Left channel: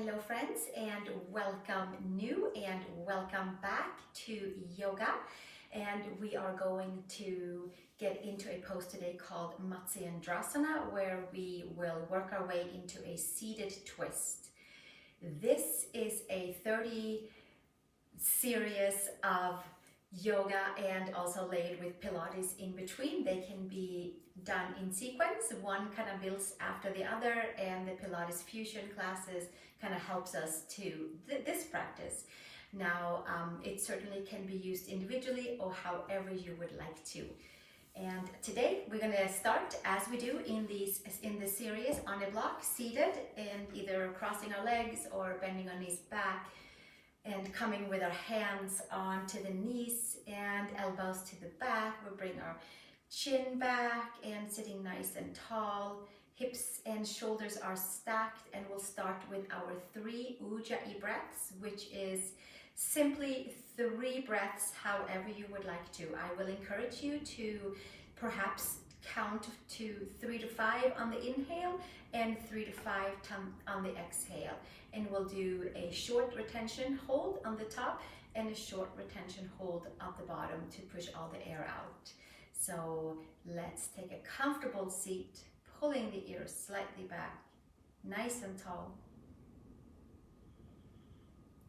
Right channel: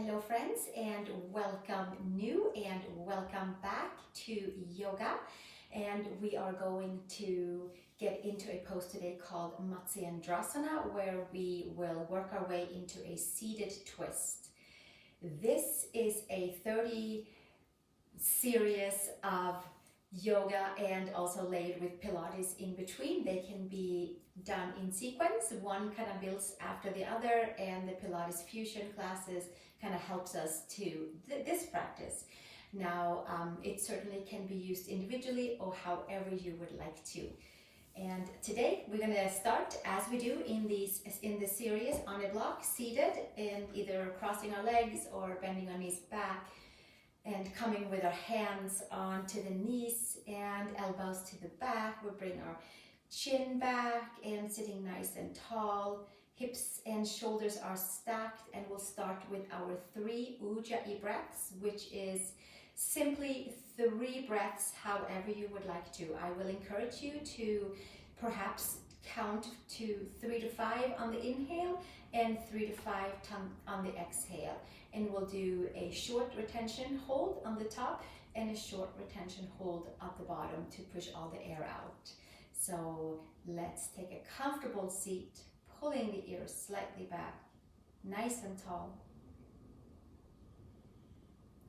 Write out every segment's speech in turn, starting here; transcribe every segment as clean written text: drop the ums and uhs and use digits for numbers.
Hello friends, and welcome new and welcome back to yoga. And we are going to get into a pose today called Matsyendrasana, where we will work our way into a seated twist. This is a 30 series of yoga and also laid with Pilates in between. They can be done in sequence. One kind of builds after the other, and the Pilates fusion classes kind of helps us to this practice. Now, it certainly can be used individually or however you would like to. And today we're going to start as we do in this series on a block, seated, and either crossing our legs or bending our knees back, and coming with our hands onto the knees and elbows to the back. We'll bring our chin back and sitting nice and tall. Hips and shoulders are stacked, and we'll start with our 3 Ujjai breaths, which is simply 3 breaths however you would like to. I will encourage you to perhaps count to 3 to 5 on the inhale and 3 to 5 on the exhale. And we'll do a short retention hold on the top and a short retention hold at the bottom to push all the air out. So let's take a comfortable seat, pulling the ears slightly back, nice and tall.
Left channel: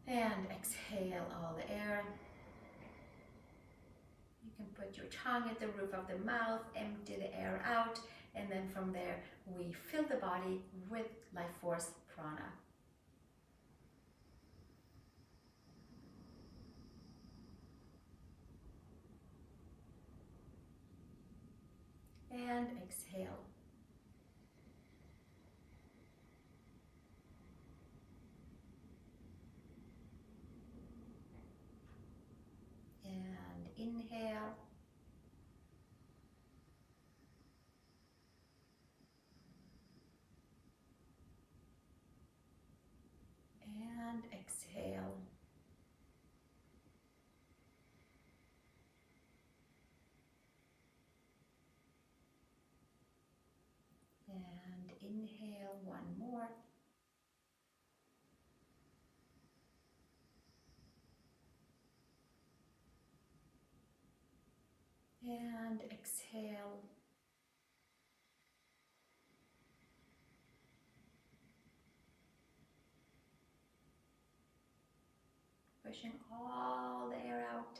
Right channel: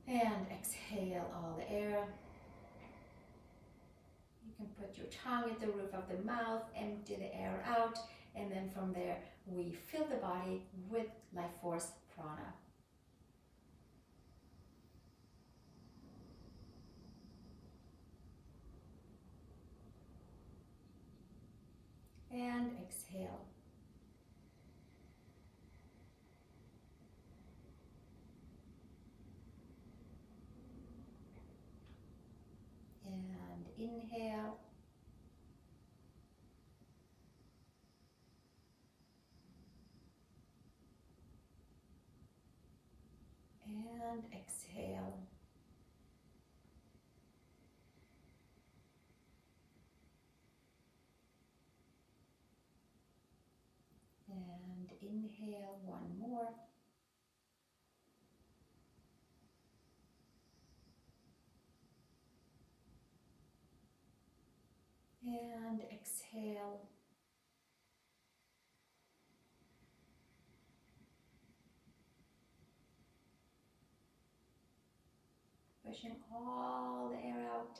And exhale all the air. You can put your tongue at the roof of the mouth, empty the air out, and then from there we fill the body with life force prana. And exhale. And inhale. And exhale. And inhale one more. And exhale. Pushing all the air out,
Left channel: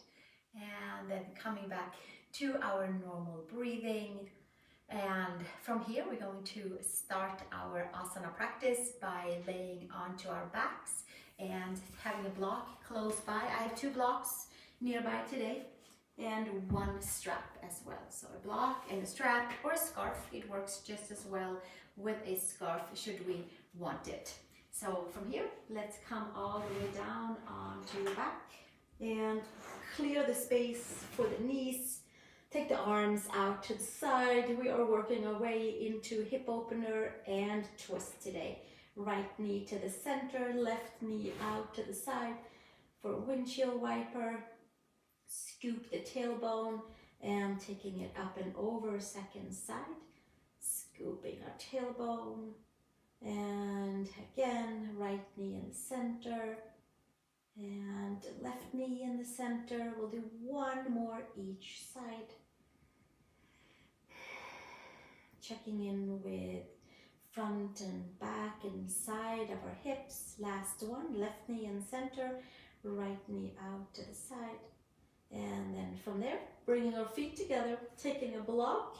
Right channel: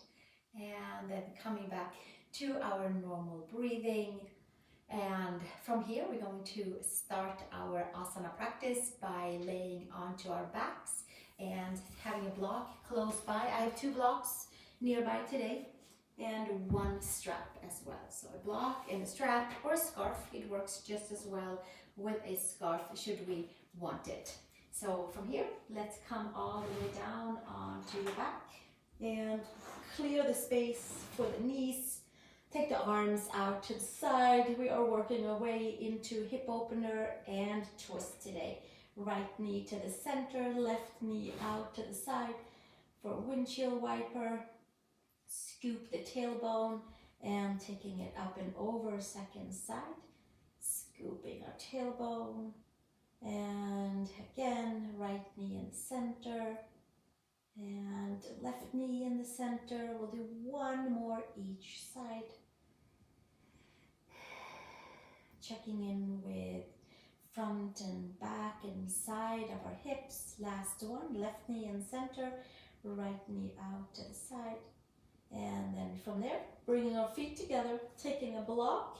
and then coming back to our normal breathing. And from here we're going to start our asana practice by laying onto our backs and having a block close by. I have 2 blocks nearby today and 1 strap as well. So a block and a strap or a scarf. It works just as well with a scarf should we want it. So from here, let's come all the way down onto the back and clear the space for the knees. Take the arms out to the side. We are working our way into hip opener and twist today. Right knee to the center, left knee out to the side for windshield wiper. Scoop the tailbone and taking it up and over, second side. Scooping our tailbone. And again, right knee in the center and left knee in the center. We'll do 1 more each side. Checking in with front and back and side of our hips. Last one, left knee in the center, right knee out to the side. And then from there, bringing our feet together, taking a block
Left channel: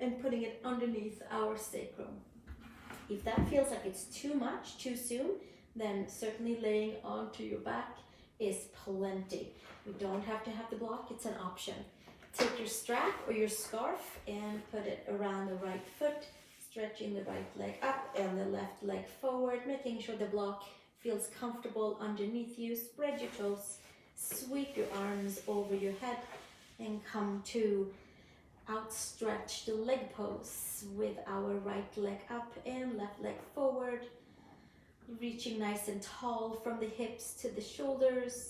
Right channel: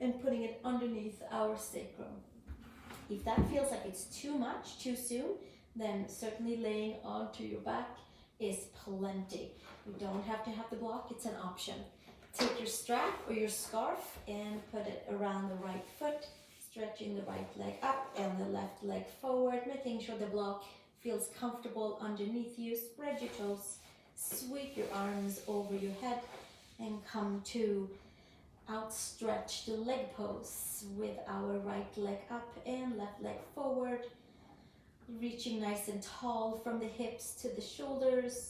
and putting it underneath our sacrum. If that feels like it's too much, too soon, then certainly laying onto your back is plenty. You don't have to have the block, it's an option. Take your strap or your scarf and put it around the right foot, stretching the right leg up and the left leg forward, making sure the block feels comfortable underneath you. Spread your toes, sweep your arms over your head, and come to outstretched leg pose with our right leg up and left leg forward, reaching nice and tall from the hips to the shoulders,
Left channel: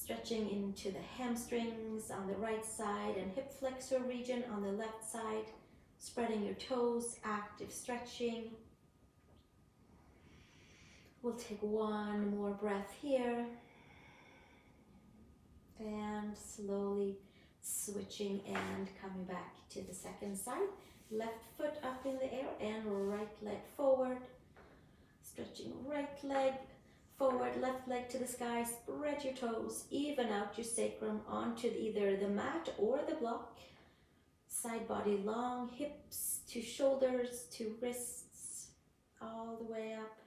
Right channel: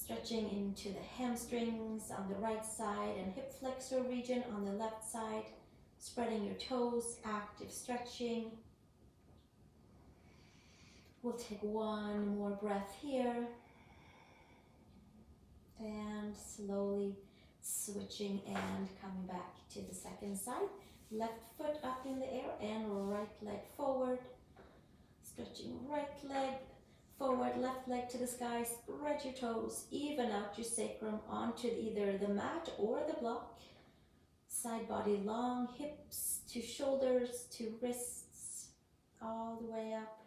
stretching into the hamstrings on the right side and hip flexor region on the left side, spreading your toes, active stretching. We'll take one more breath here. And slowly switching and coming back to the second side. Left foot up in the air and right leg forward. Stretching right leg forward, left leg to the sky. Spread your toes, even out your sacrum onto either the mat or the block. Side body long, hips to shoulders to wrists, all the way up.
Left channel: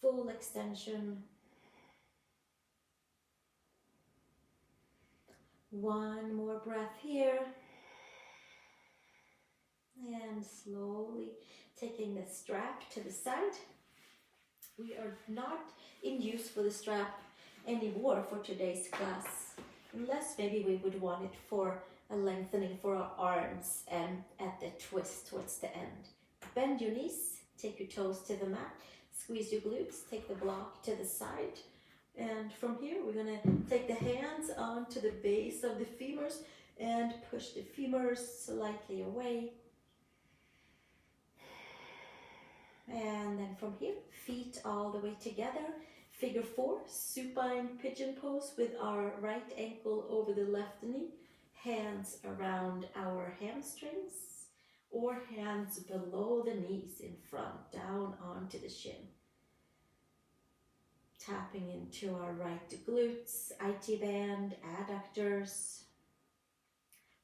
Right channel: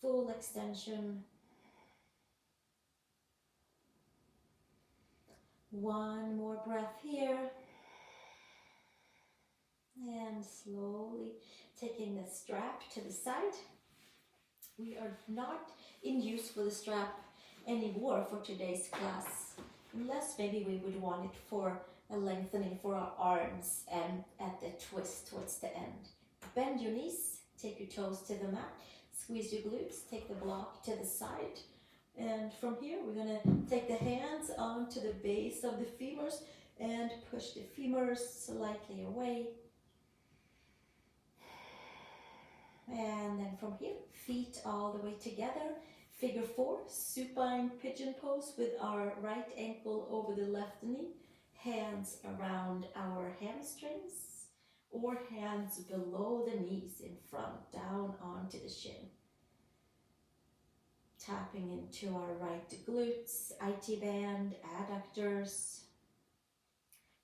Full extension. One more breath here. And slowly taking the strap to the side. We are not in use for the strap anymore for today's class, unless maybe we would want it for a lengthening for our arms and at the twist towards the end. Bend your knees, take your toes to the mat, squeeze your glutes, take the block to the side. And from here, we're going to take the hands onto the base of the femurs and push the femurs slightly away. And then from here, feet all the way together. Figure 4, supine pigeon pose with our right ankle over the left knee. Hands around our hamstrings or hands below the knees in front, down onto the shin. Tapping into our right glutes, IT band, adductors.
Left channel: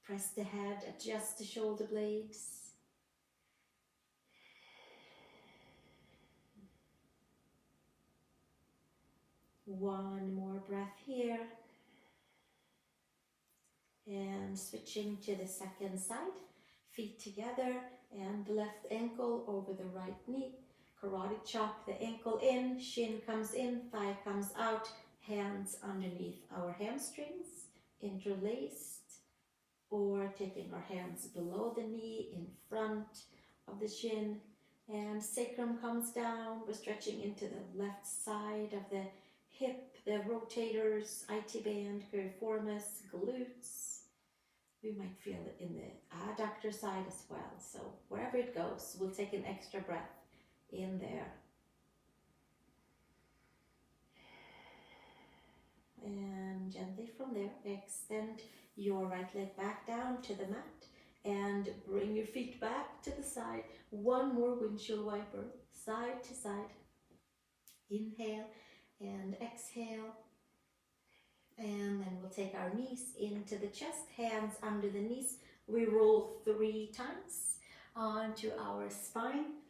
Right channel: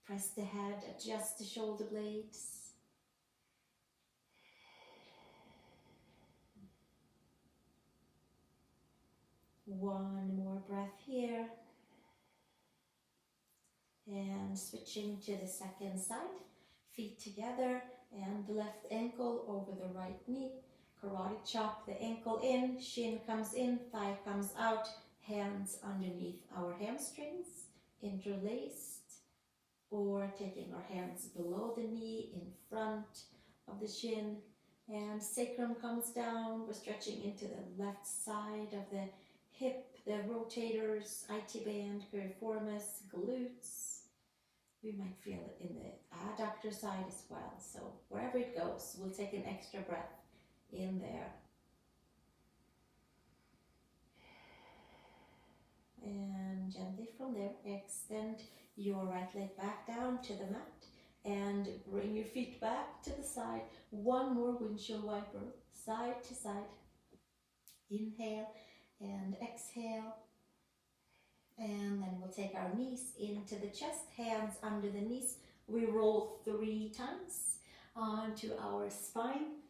Press the head, adjust the shoulder blades. One more breath here. And switching to the second side. Feet together and left ankle over the right knee. Karate chop, the ankle in, shin comes in, thigh comes out, hands underneath our hamstrings, interlaced, or taking our hands below the knee in front of the shin, and sacrum comes down. We're stretching into the left side of the hip, the rotators, IT band, piriformis, glutes. We might feel it in the adductor side as well. So wherever it goes, we'll take an extra breath in there. And gently from there, extend your right leg back down to the mat and bring your feet back to the side. One more windshield wiper, side to side. Inhale and exhale. And then we'll take our knees into the chest, hands under the knees. We roll 3 times onto our spine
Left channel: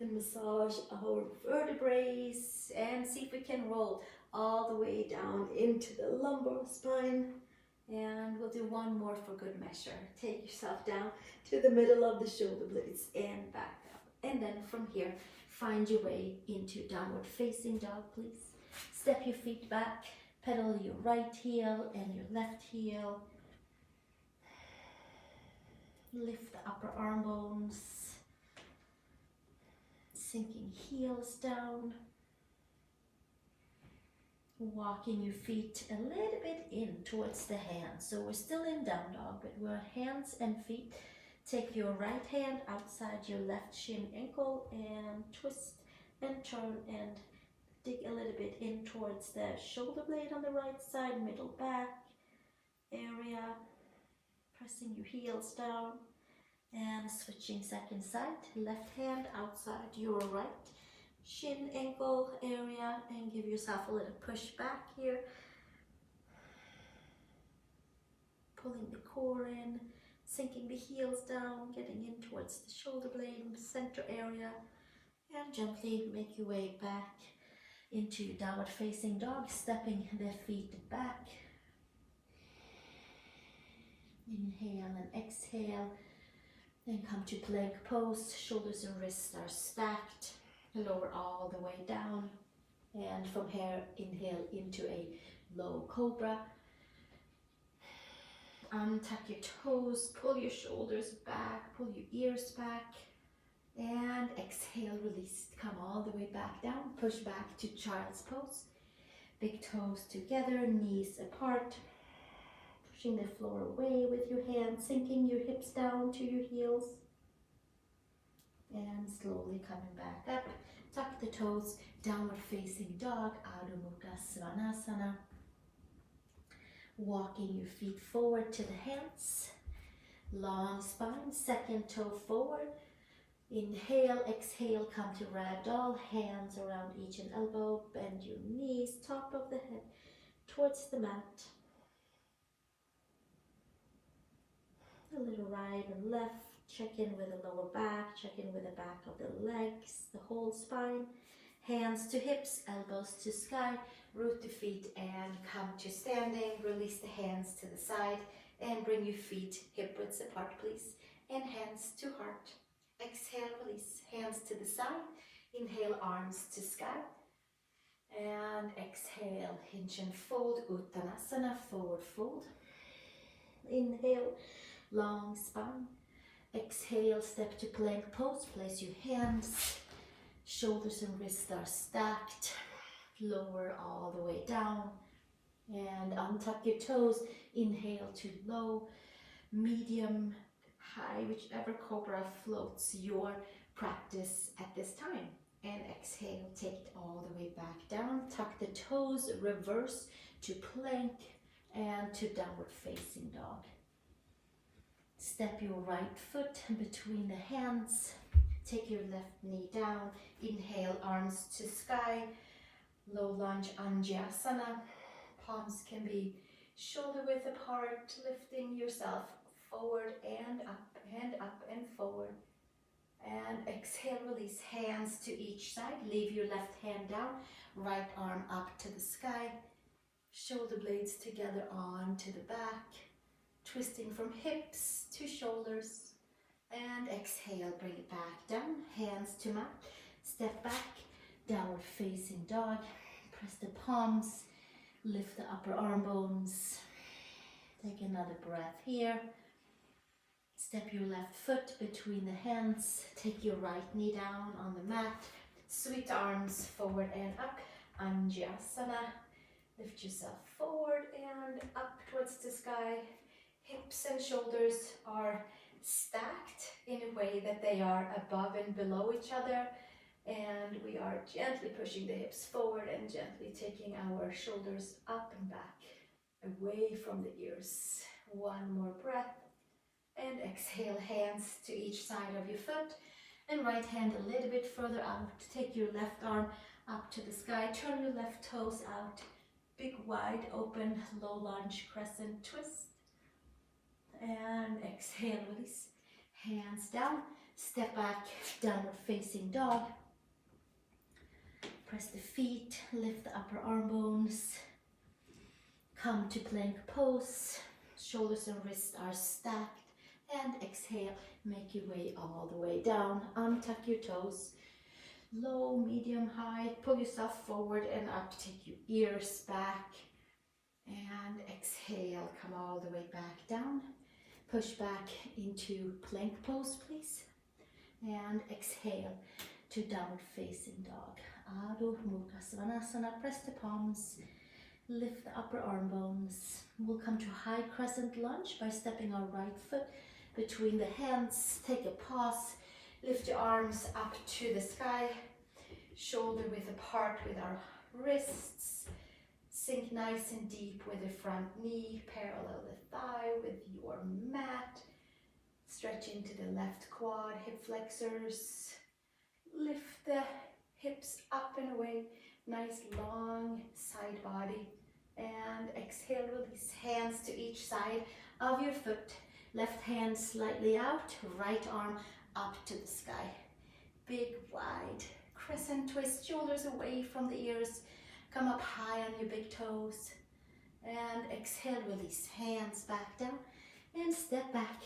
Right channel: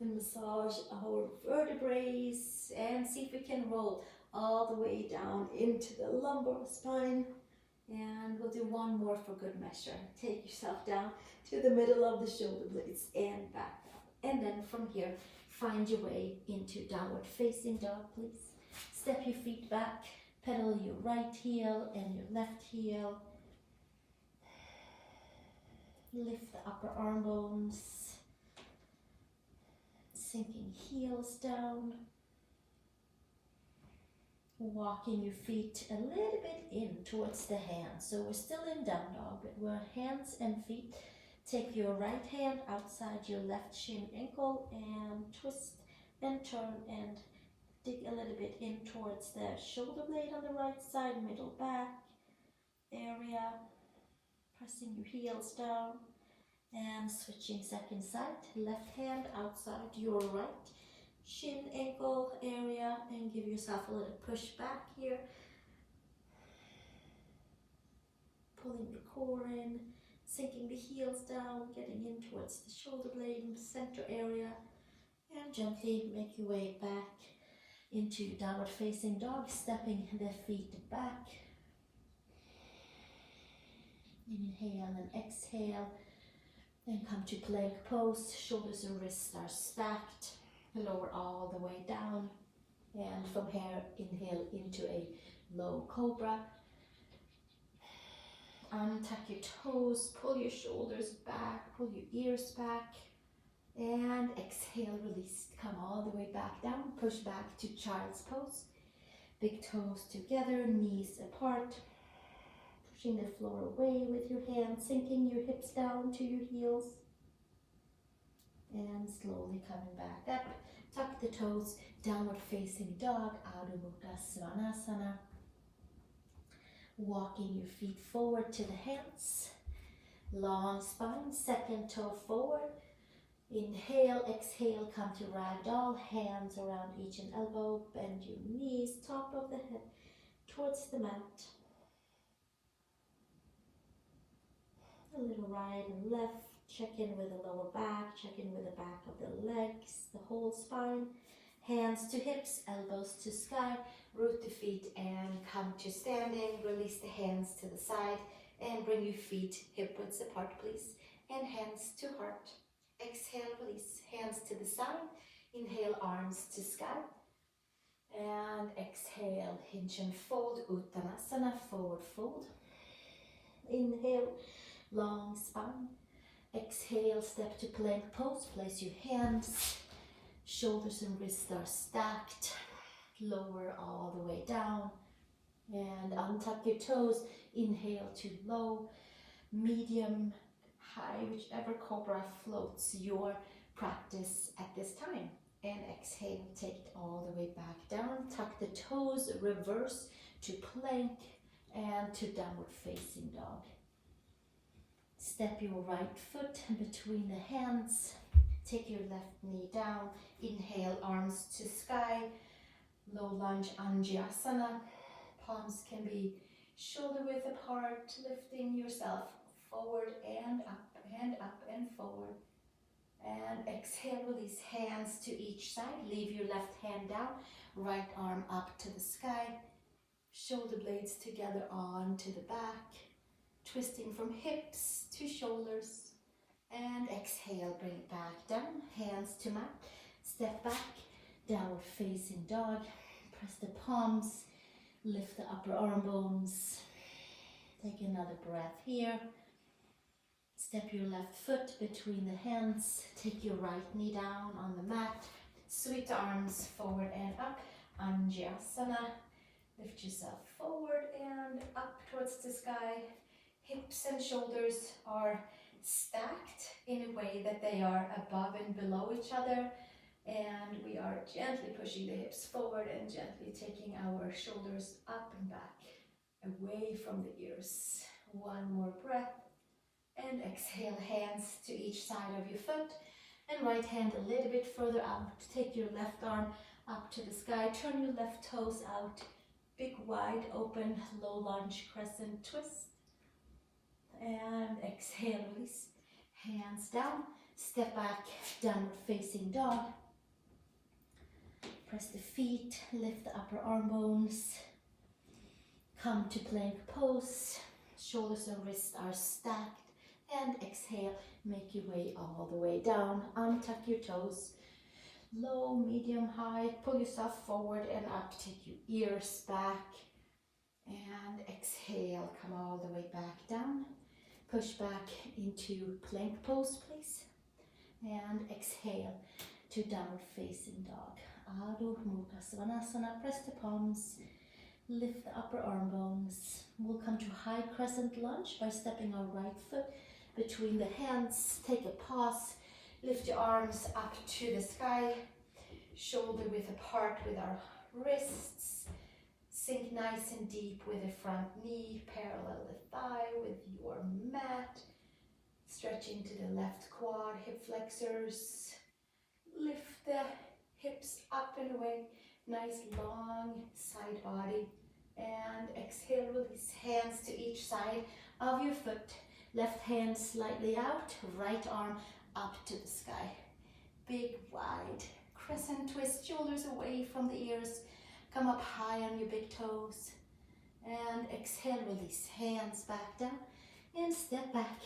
and massage our vertebrae and see if we can roll all the way down into the lumbar spine. And we'll do one more for good measure. Take yourself down to the middle of the shoulder blades and back up. And then from here, find your way into downward facing dog, please. Step your feet back, pedal your right heel and your left heel. Lift the upper arm bones, sinking heels down. Walking your feet a little bit in towards the hands. So we're still in down dog, but we're hands and feet. Take your right hand outside your left shin ankle and twist and turn and dig a little bit in towards the shoulder blade on the right side, middle back area. Pressing your heels down and switching second side. Left hand outside your right shin ankle area and give yourself a little push back here. Pulling the core in, sinking the heels down, getting in towards the shoulder blade center area, and gently make your way back into downward facing dog, stepping the feet back. Inhale and exhale, then come to plank pose. Shoulders and wrists are stacked. Lower all the way down, and from here inhale into a low cobra. Untuck your toes, pull your shoulders back, pull your ears back, and exhale, release. Come all the way back down, push back to child's pose. Big toes together, knees apart, pushing the floor away with your hands, sinking your hips down to your heels. And slowly coming back up, tuck the toes, Downward facing dog, Adho Mukha Svanasana. Walking your feet forward to the hands. Long spine, second toe forward. Inhale, exhale, come to Ragdoll. Hands around each and elbow. Bend your knees, top of the head towards the mat. A little right and left. Check in with the lower back. Check in with the back of the legs, the whole spine. Hands to hips, elbows to sky. Root the feet and come to standing. Release the hands to the side and bring your feet hip width apart, please. And hands to heart. Exhale, release. Hands to the side. Inhale, arms to sky. And exhale, hinge and fold. Uttanasana, forward fold. Inhale, long spine. Exhale, step to plank pose. Place your hands. Shoulders and wrists are stacked. Lower all the way down. And untuck your toes. Inhale to low, medium, high, whichever cobra floats your practice at this time. And exhale, take it all the way back down. Tuck the toes, reverse to plank and to downward facing dog. Step your right foot between the hands. Take your left knee down. Inhale, arms to sky. Low lunge, Anjasana. Palms can be shoulder width apart, lifting yourself forward and up and forward. And exhale, release hands to each side. Leave your left hand down, right arm up to the sky. Shoulder blades together onto the back. Twisting from hips to shoulders. And exhale, bring it back down. Hands to mat. Step back, downward facing dog. Press the palms. Lift the upper arm bones. Take another breath here. Step your left foot between the hands. Take your right knee down on the mat. Sweep the arms forward and up. Anjasana. Lift yourself forward and up towards the sky. Hips and shoulders are stacked in a way that they are above and below each other. And we are gently pushing the hips forward and gently taking our shoulders up and back, away from the ears. One more breath. And exhale, hands to each side of your foot. And right hand a little bit further out. Take your left arm up to the sky. Turn your left toes out. Big, wide open, low lunge, crescent twist. And exhale, release. Hands down. Step back, downward facing dog. Press the feet, lift the upper arm bones. Come to plank pose. Shoulders and wrists are stacked. And exhale, make your way all the way down. Untuck your toes. Low, medium, high. Pull yourself forward and up. Take your ears back. And exhale, come all the way back down. Push back into plank pose, please. And exhale to downward facing dog. Adho Mukha Svanasana. Press the palms. Lift the upper arm bones. We'll come to high crescent lunge by stepping our right foot between the hands. Take a pause. Lift your arms up to the sky. Shoulder width apart with our wrists. Sink nice and deep with the front knee. Parallel the thigh with your mat. Stretching to the left quad, hip flexors. Lift the hips up and away. Nice long side body. And exhale, release hands to each side of your foot. Left hand slightly out, right arm up to the sky. Big, wide crescent twist, shoulders away from the ears. Come up high on your big toes. And exhale, release hands back down. And step back,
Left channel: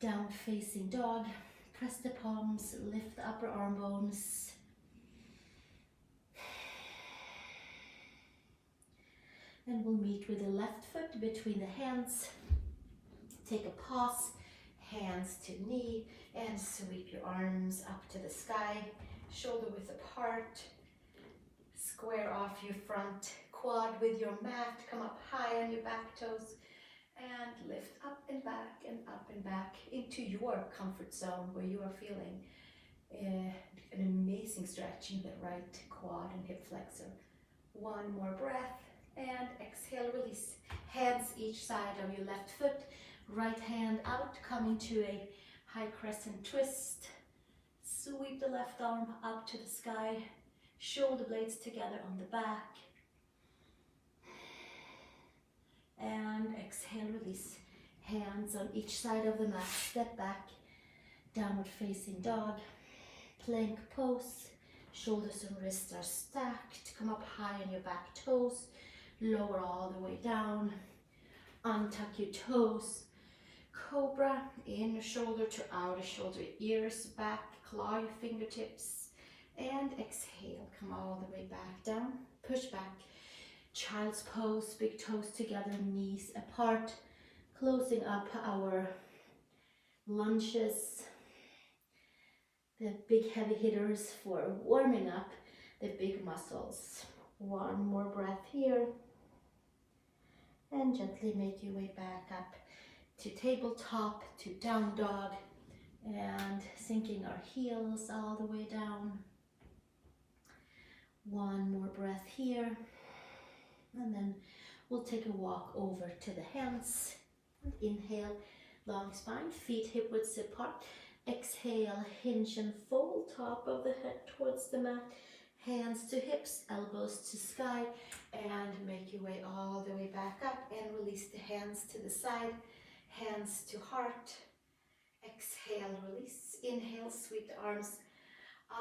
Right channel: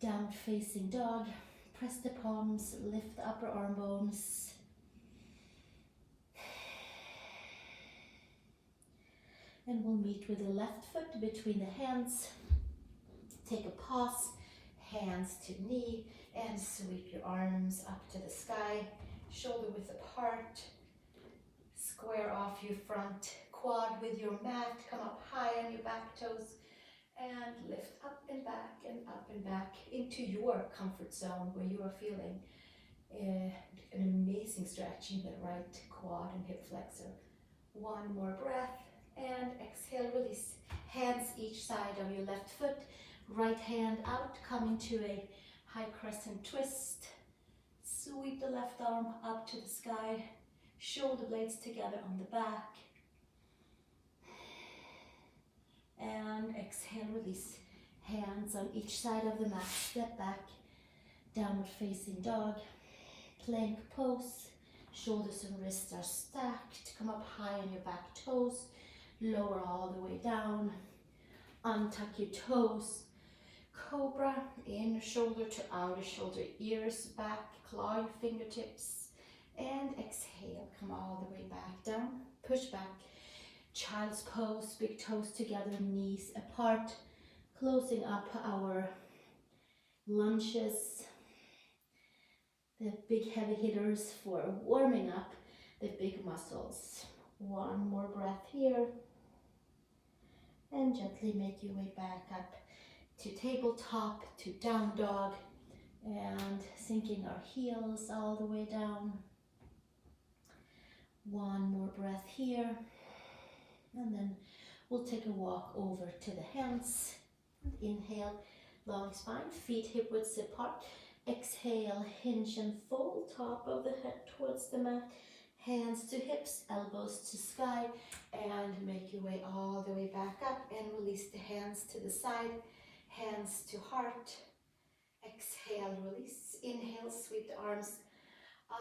down facing dog. Press the palms, lift the upper arm bones. And we'll meet with the left foot between the hands. Take a pause, hands to knee, and sweep your arms up to the sky. Shoulder width apart. Square off your front quad with your mat. Come up high on your back toes. And lift up and back into your comfort zone where you are feeling An amazing stretch in the right quad and hip flexor. One more breath and exhale, release. Hands each side of your left foot, right hand out, coming to a high crescent twist. Sweep the left arm up to the sky, shoulder blades together on the back. And exhale, release. Hands on each side of the mat, step back, downward facing dog, plank pose. Shoulders and wrists are stacked. Come up high on your back toes. Lower all the way down. Untuck your toes. Cobra, inner shoulder to outer shoulder, ears back, claw your fingertips. And exhale, come all the way back down. Push back. Child's pose, big toes together, knees apart. Closing up our lunges. The big heavy hitters for warming up the big muscles. One more breath here. And gently make your way back up to tabletop, to down dog. And sinking our heels all the way down. One more breath here. And then we'll take a walk over to the hands. Inhale, long spine, feet hip width apart. Exhale, hinge and fold, top of the head towards the mat, hands to hips, elbows to sky, and make your way all the way back up and release the hands to the side, hands to heart. Exhale, release. Inhale, sweep the arms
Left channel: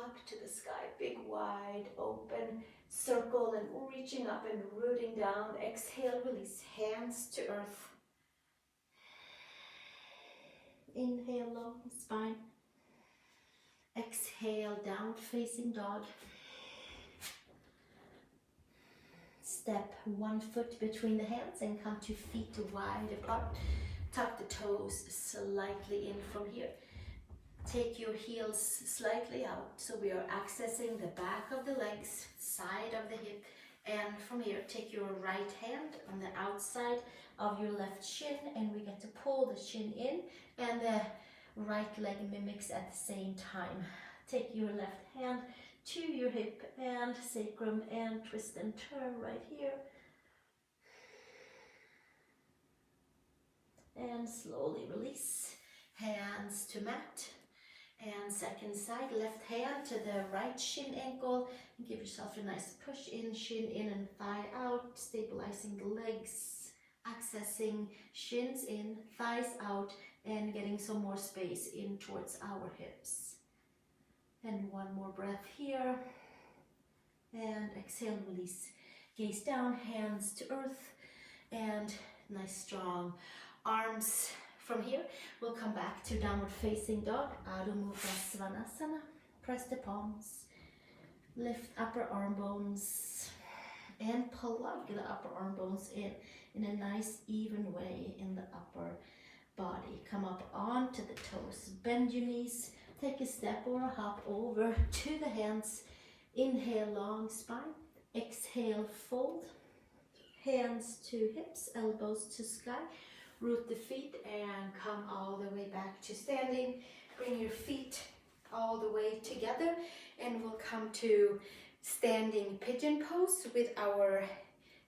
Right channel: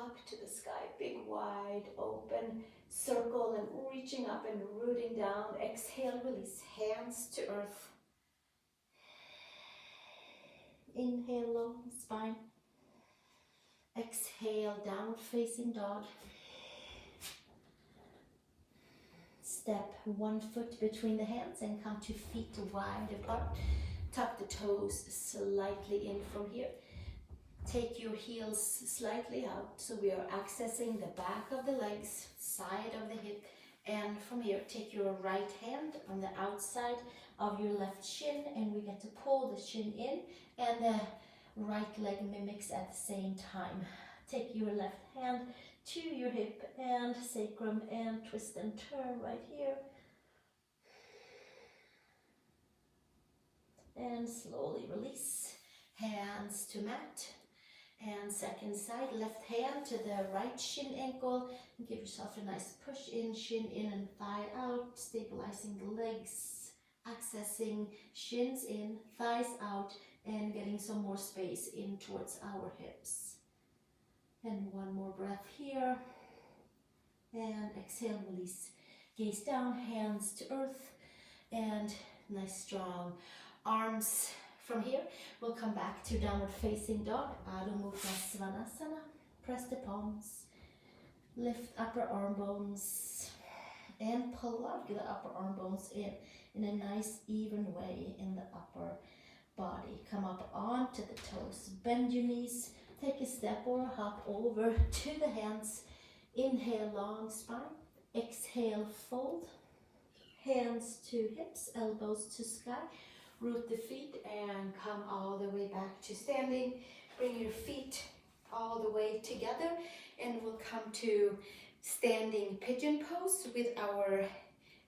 up to the sky, big wide open circle and reaching up and rooting down. Exhale, release, hands to earth. Inhale, long spine. Exhale, downward facing dog. Step one foot between the hands and come to feet wide apart. Tuck the toes slightly in from here. Take your heels slightly out so we are accessing the back of the legs, side of the hip. And from here, take your right hand on the outside of your left shin and we get to pull the shin in and the right leg mimics at the same time. Take your left hand to your hip and sacrum and twist and turn right here. And slowly release. Hands to mat. And second side, left hand to the right shin ankle. Give yourself a nice push in, shin in and thigh out, stabilizing the legs, accessing shins in, thighs out, and getting some more space in towards our hips. And one more breath here. And exhale, release. Gaze down, hands to earth, and nice strong arms. From here, we'll come back to downward facing dog, Adho Mukha Svanasana. Press the palms, lift upper arm bones, and plug the upper arm bones in a nice even way in the upper body. Come up onto the toes, bend your knees, take a step or a hop over to the hands. Inhale, long spine. Exhale, fold. Hands to hips, elbows to sky. Root the feet and come all the way back to standing. Bring your feet all the way together and we'll come to standing pigeon pose with our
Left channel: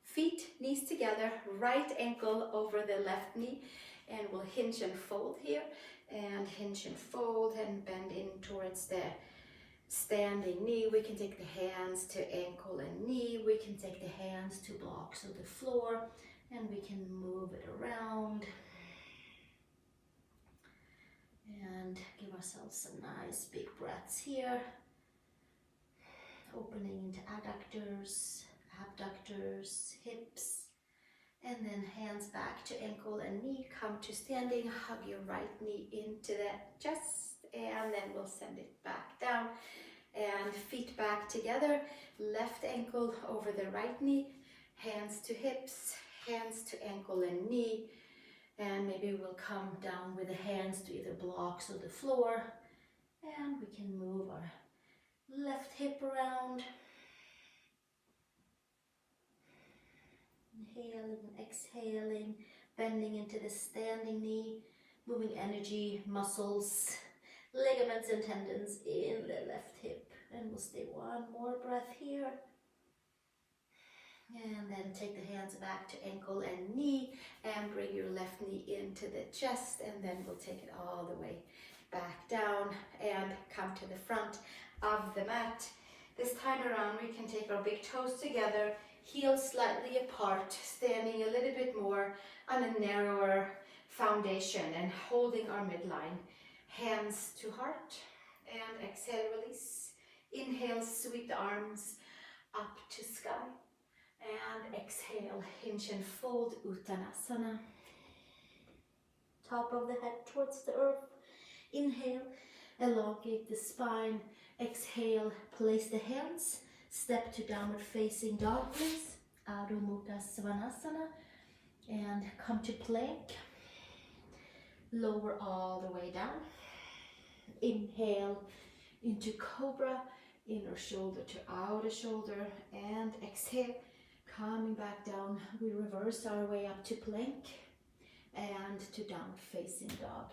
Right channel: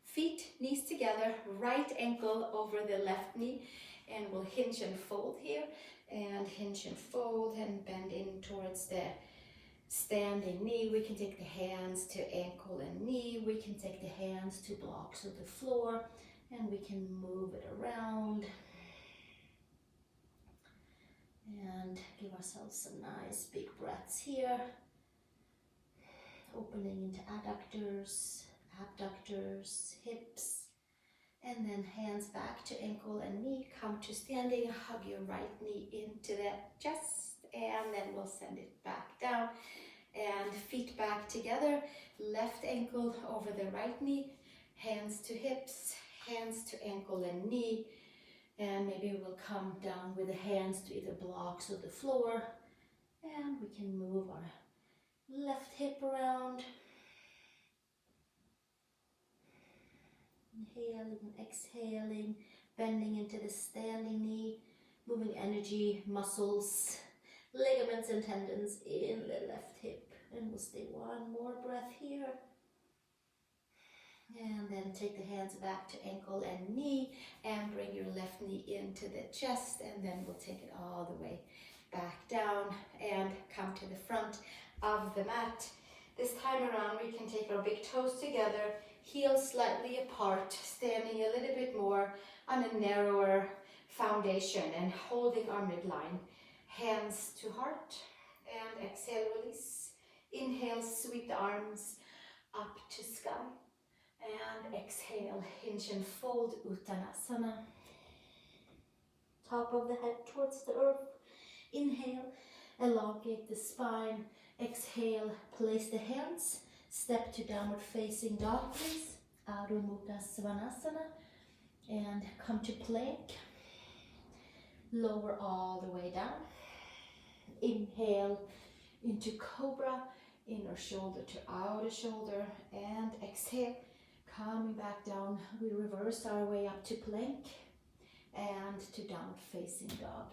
feet, knees together, right ankle over the left knee, and we'll hinge and fold here and hinge and fold and bend in towards the standing knee. We can take the hands to ankle and knee. We can take the hands to blocks of the floor. And we can move it around and give ourselves some nice big breaths here. Opening into adductors, abductors, hips, and then hands back to ankle and knee. Come to standing, hug your right knee into the chest, and then we'll send it back down. And feet back together, left ankle over the right knee, hands to hips, hands to ankle and knee, and maybe we'll come down with the hands to either blocks or the floor, and we can move our left hip around, inhaling and exhaling, bending into the standing knee, moving energy, muscles ligaments and tendons in the left hip. And we'll stay one more breath here. And then take the hands back to ankle and knee and bring your left knee into the chest, and then we'll take it all the way back down and come to the front of the mat. This time around we can take our big toes together, heels slightly apart, standing a little bit more on a narrower foundation and holding our midline. Hands to heart and exhale, release. Inhale, sweep the arms up to sky. And exhale, hinge and fold, Uttanasana. Top of the head towards the earth. Inhale, elongate the spine. Exhale, place the hands. Step to downward facing dog, please. Adho Mukha Svanasana. And come to plank. Lower all the way down. Inhale into cobra. Inner shoulder to outer shoulder. And exhale. Coming back down, we reverse our way up to plank and to downward facing dog.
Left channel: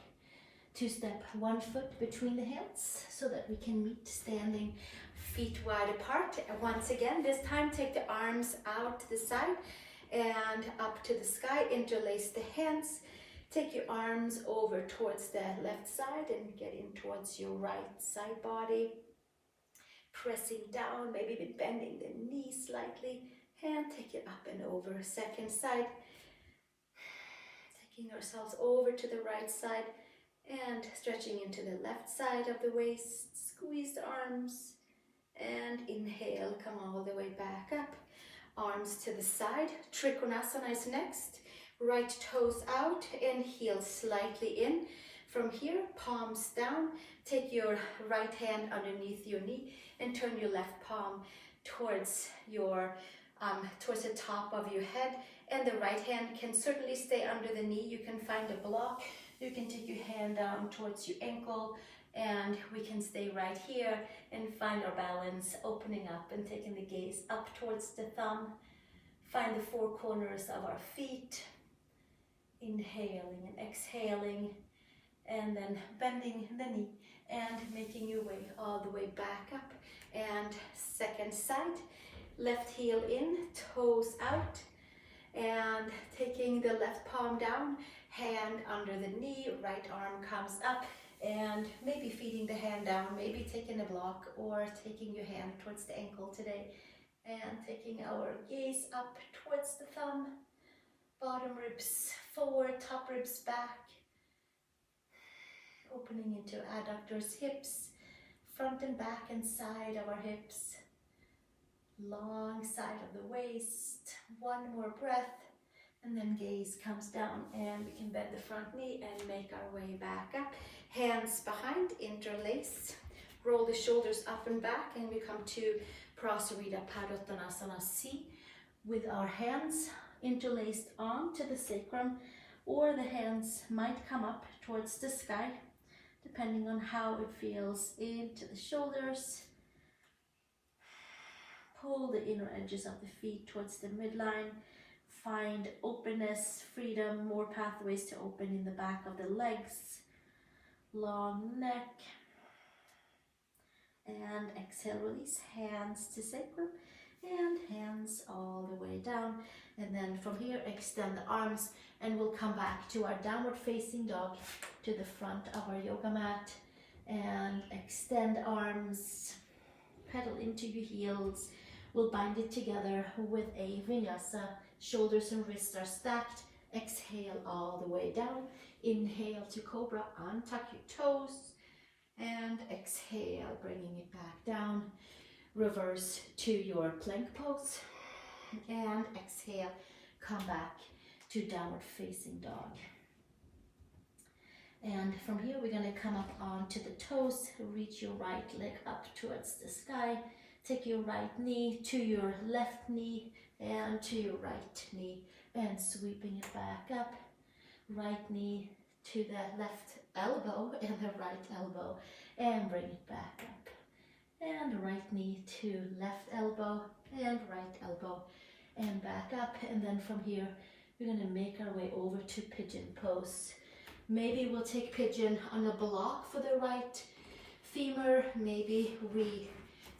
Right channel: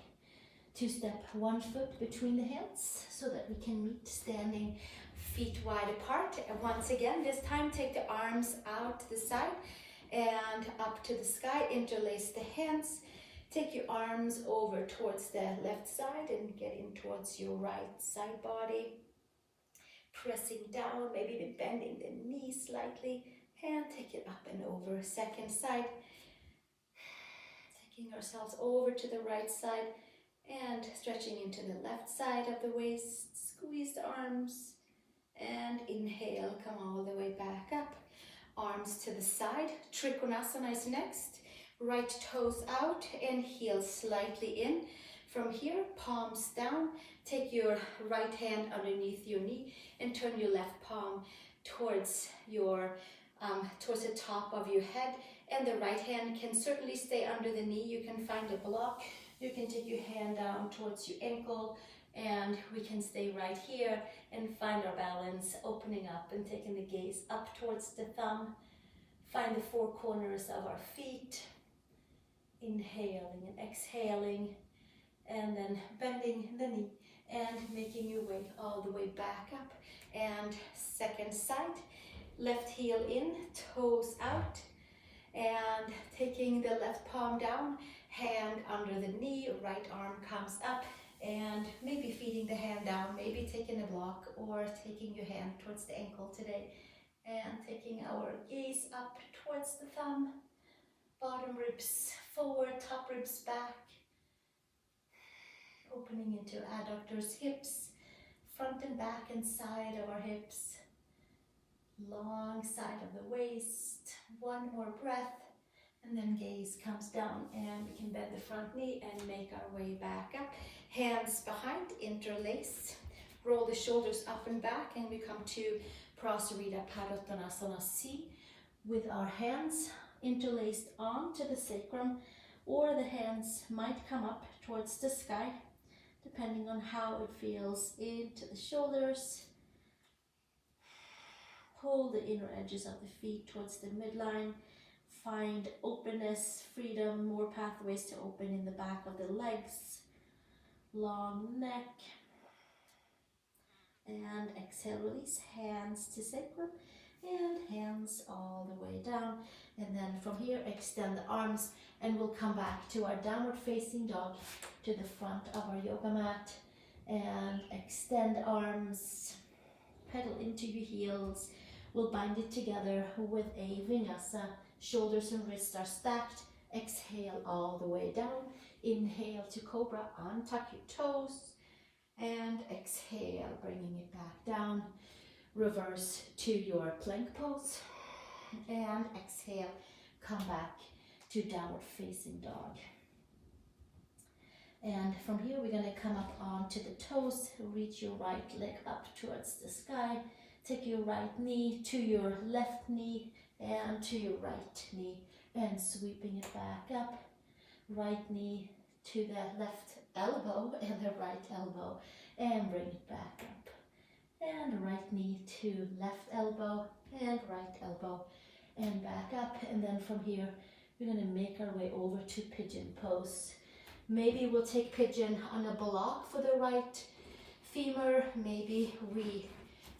To step one foot between the hands so that we can meet standing feet wide apart. And once again, this time take the arms out to the side and up to the sky. Interlace the hands. Take your arms over towards the left side and get in towards your right side body. Pressing down, maybe bending the knees slightly. And take it up and over, second side. Taking ourselves over to the right side and stretching into the left side of the waist. Squeeze the arms and inhale, come all the way back up. Arms to the side. Trikonasana is next. Right toes out and heels slightly in. From here, palms down. Take your right hand underneath your knee and turn your left palm towards towards the top of your head, and the right hand can certainly stay under the knee. You can find a block. You can take your hand down towards your ankle, and we can stay right here and find our balance, opening up and taking the gaze up towards the thumb. Find the four corners of our feet. Inhaling and exhaling, and then bending the knee and making your way all the way back up. And second side. Left heel in, toes out, and taking the left palm down, hand under the knee, right arm comes up, and maybe feeding the hand down, maybe taking a block or taking your hand towards the ankle today, and taking our gaze up towards the thumb, bottom ribs forward, top ribs back, opening into adductors, hips, front and back and side of our hips. Long side of the waist. One more breath, and then gaze comes down, and we can bend the front knee and make our way back up. Hands behind, interlace. Roll the shoulders up and back, and we come to Prasarita Padottanasana C with our hands interlaced onto the sacrum, or the hands might come up towards the sky, depending on how it feels into the shoulders. Pull the inner edges of the feet towards the midline. Find openness, freedom, more pathways to open in the back of the legs. Long neck. And exhale, release. Hands to sacrum and hands all the way down. And then from here, extend the arms, and we'll come back to our downward facing dog to the front of our yoga mat. And extend arms, pedal into your heels. We'll bind it together with a Vinyasa. Shoulders and wrists are stacked. Exhale all the way down. Inhale to cobra, untuck your toes. And exhale, bringing it back down. Reverse to your plank pose. And exhale, come back to downward facing dog. And from here, we're going to come up onto the toes. Reach your right leg up towards the sky. Take your right knee to your left knee and to your right knee, and sweeping it back up. Right knee to the left elbow and the right elbow, and bring it back up. And right knee to left elbow and right elbow, and back up. And then from here, we're going to make our way over to Pigeon Pose. Maybe we'll take pigeon on a block for the right femur. Maybe we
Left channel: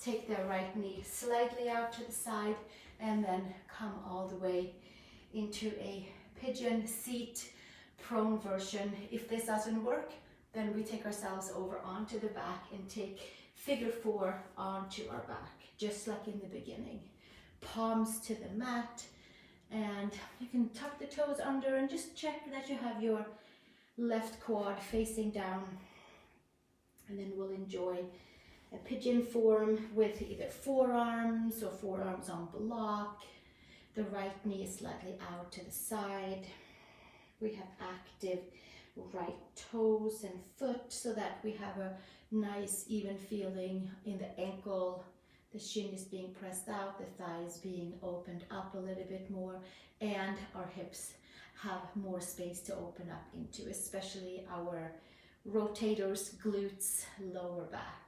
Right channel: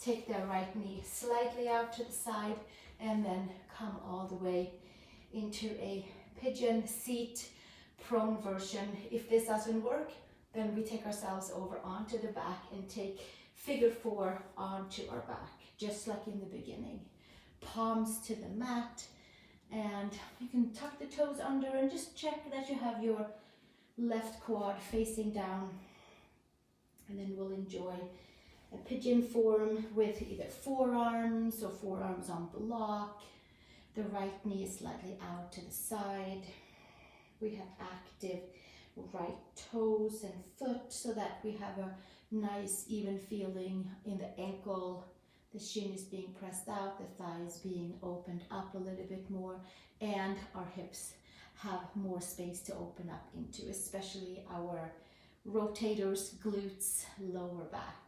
take the right knee slightly out to the side and then come all the way into a pigeon seat prone version. If this doesn't work, then we take ourselves over onto the back and take figure four onto our back, just like in the beginning. Palms to the mat, and you can tuck the toes under and just check that you have your left quad facing down. And then we'll enjoy a pigeon form with either forearms or forearms on block. The right knee is slightly out to the side. We have active right toes and foot so that we have a nice even feeling in the ankle. The shin is being pressed out, the thigh is being opened up a little bit more, and our hips have more space to open up into, especially our rotators, glutes, lower back.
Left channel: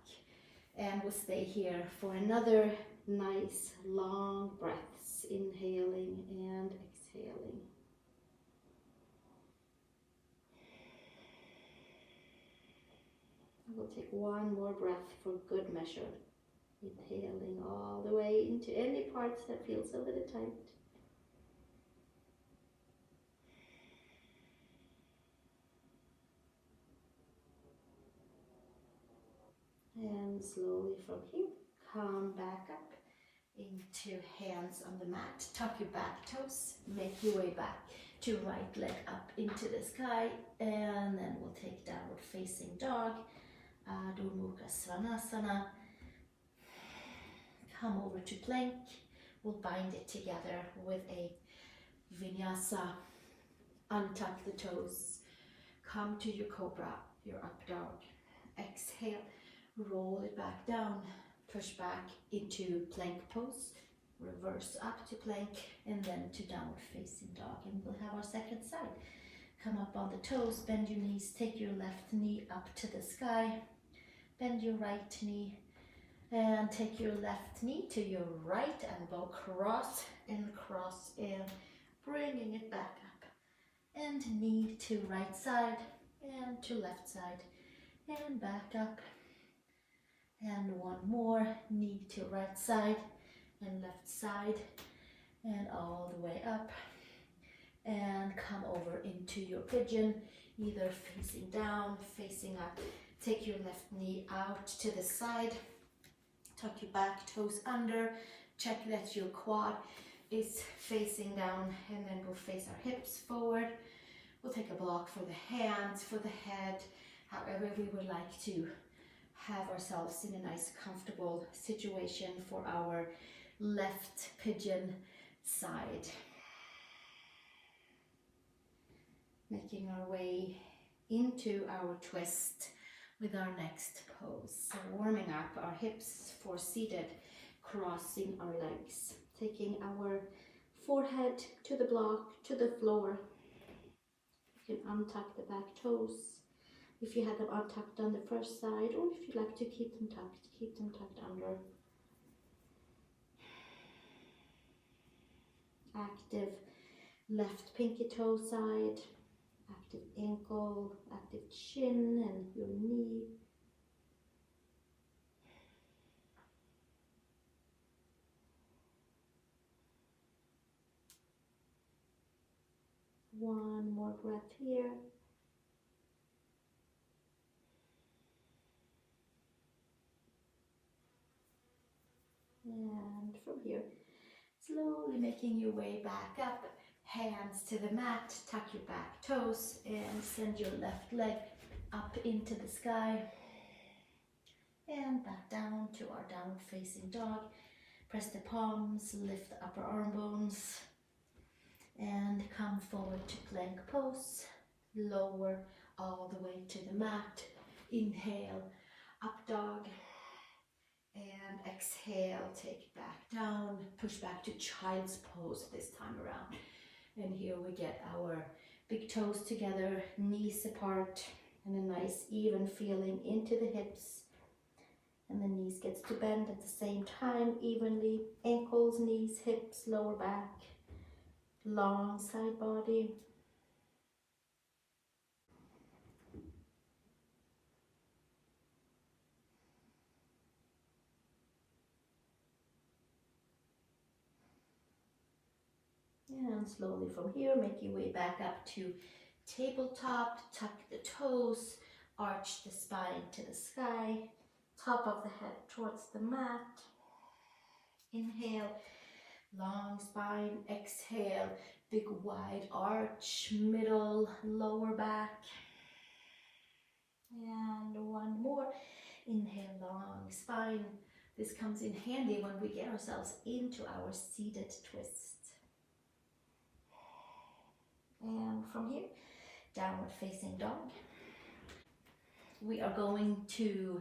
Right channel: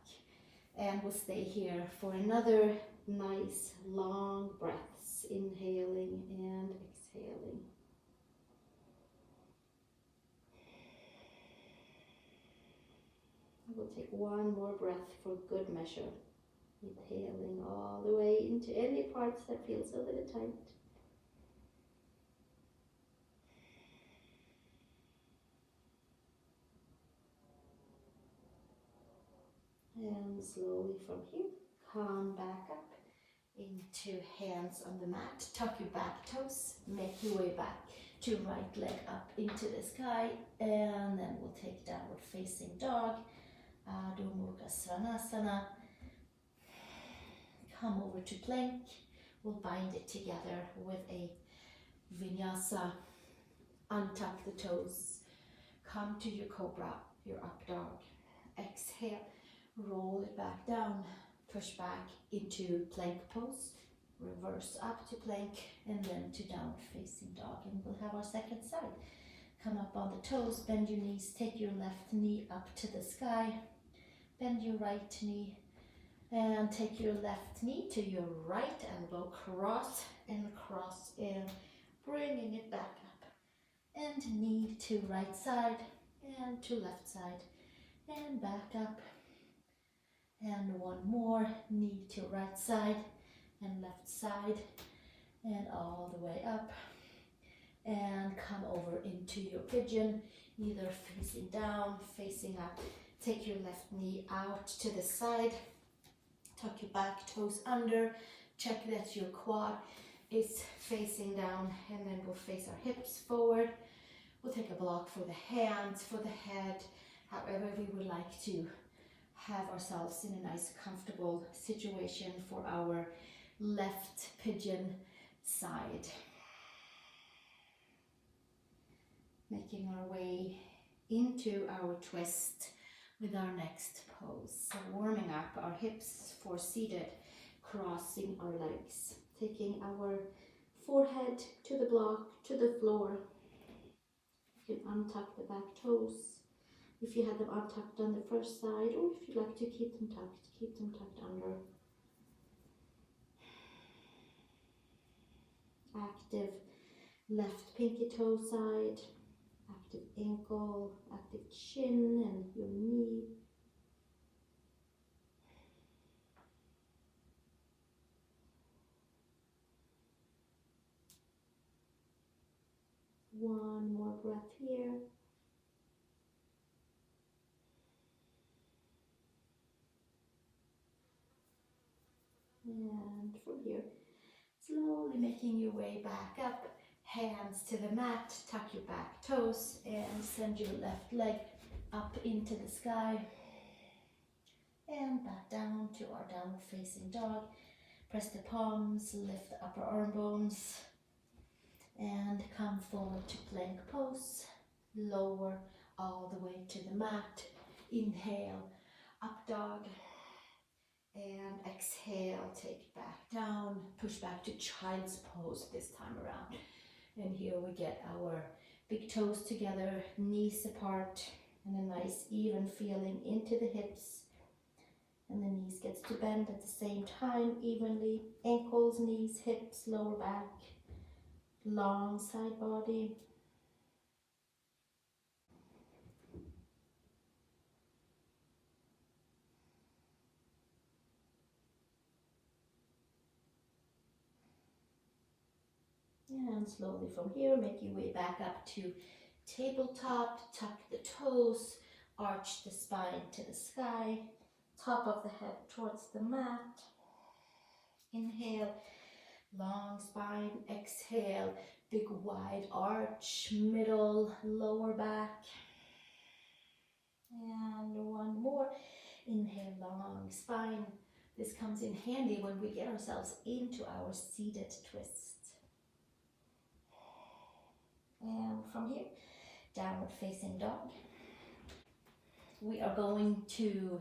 And we'll stay here for another nice long breaths, inhaling and exhaling. We'll take one more breath for good measure. Inhaling all the way into any parts that feels a little tight. And slowly from here, come back up into hands on the mat. Tuck your back toes, make your way back to right leg up into the sky, and then we'll take downward facing dog, Trikonasana. Come over to plank. We'll bind it together with a Vinyasa. Untuck the toes. Come to your cobra, your up dog. Exhale, roll it back down. Push back into plank pose. Reverse up to plank and then to downward facing dog. And we'll have our second side. Come up on the toes, bend your knees, take your left knee up to the sky. Bend your right knee. And take your left knee to your right elbow, cross and bringing it back up. And knee to right side and to left side and back up. And one more, knee to right side and left side and all the way up. And come over into your pigeon, either facing down, facing up. Take your left knee out to the side. Tuck your back toes under, check that your quad is facing down, and then we'll face our hips forward. We'll take a block for the hands, for the head, however we would like to have ourselves in a nice comfortable situation for our left pigeon side. Making our way into our twist with our next pose. So warming up our hips for seated, crossing our legs, taking our forehead to the block, to the floor. You can untuck the back toes if you had them untucked on the first side, or if you'd like to keep them tucked under. Active left pinky toe side, active ankle, active shin and your knee. One more breath here. And from here, slowly making your way back up, hands to the mat, tuck your back toes and send your left leg up into the sky. And back down to our downward facing dog. Press the palms, lift the upper arm bones. And come forward to plank pose. Lower all the way to the mat. Inhale, up dog. And exhale, take it back down. Push back to child's pose this time around. And here we get our big toes together, knees apart, and a nice even feeling into the hips. And the knees gets to bend at the same time evenly. Ankles, knees, hips, lower back. Long side body. And slowly from here, make your way back up to tabletop, tuck the toes, arch the spine to the sky, top of the head towards the mat. Inhale, long spine, exhale, big wide arch, middle, lower back. And one more, inhale, long spine. This comes in handy when we get ourselves into our seated twist. And from here, downward facing dog. We are going to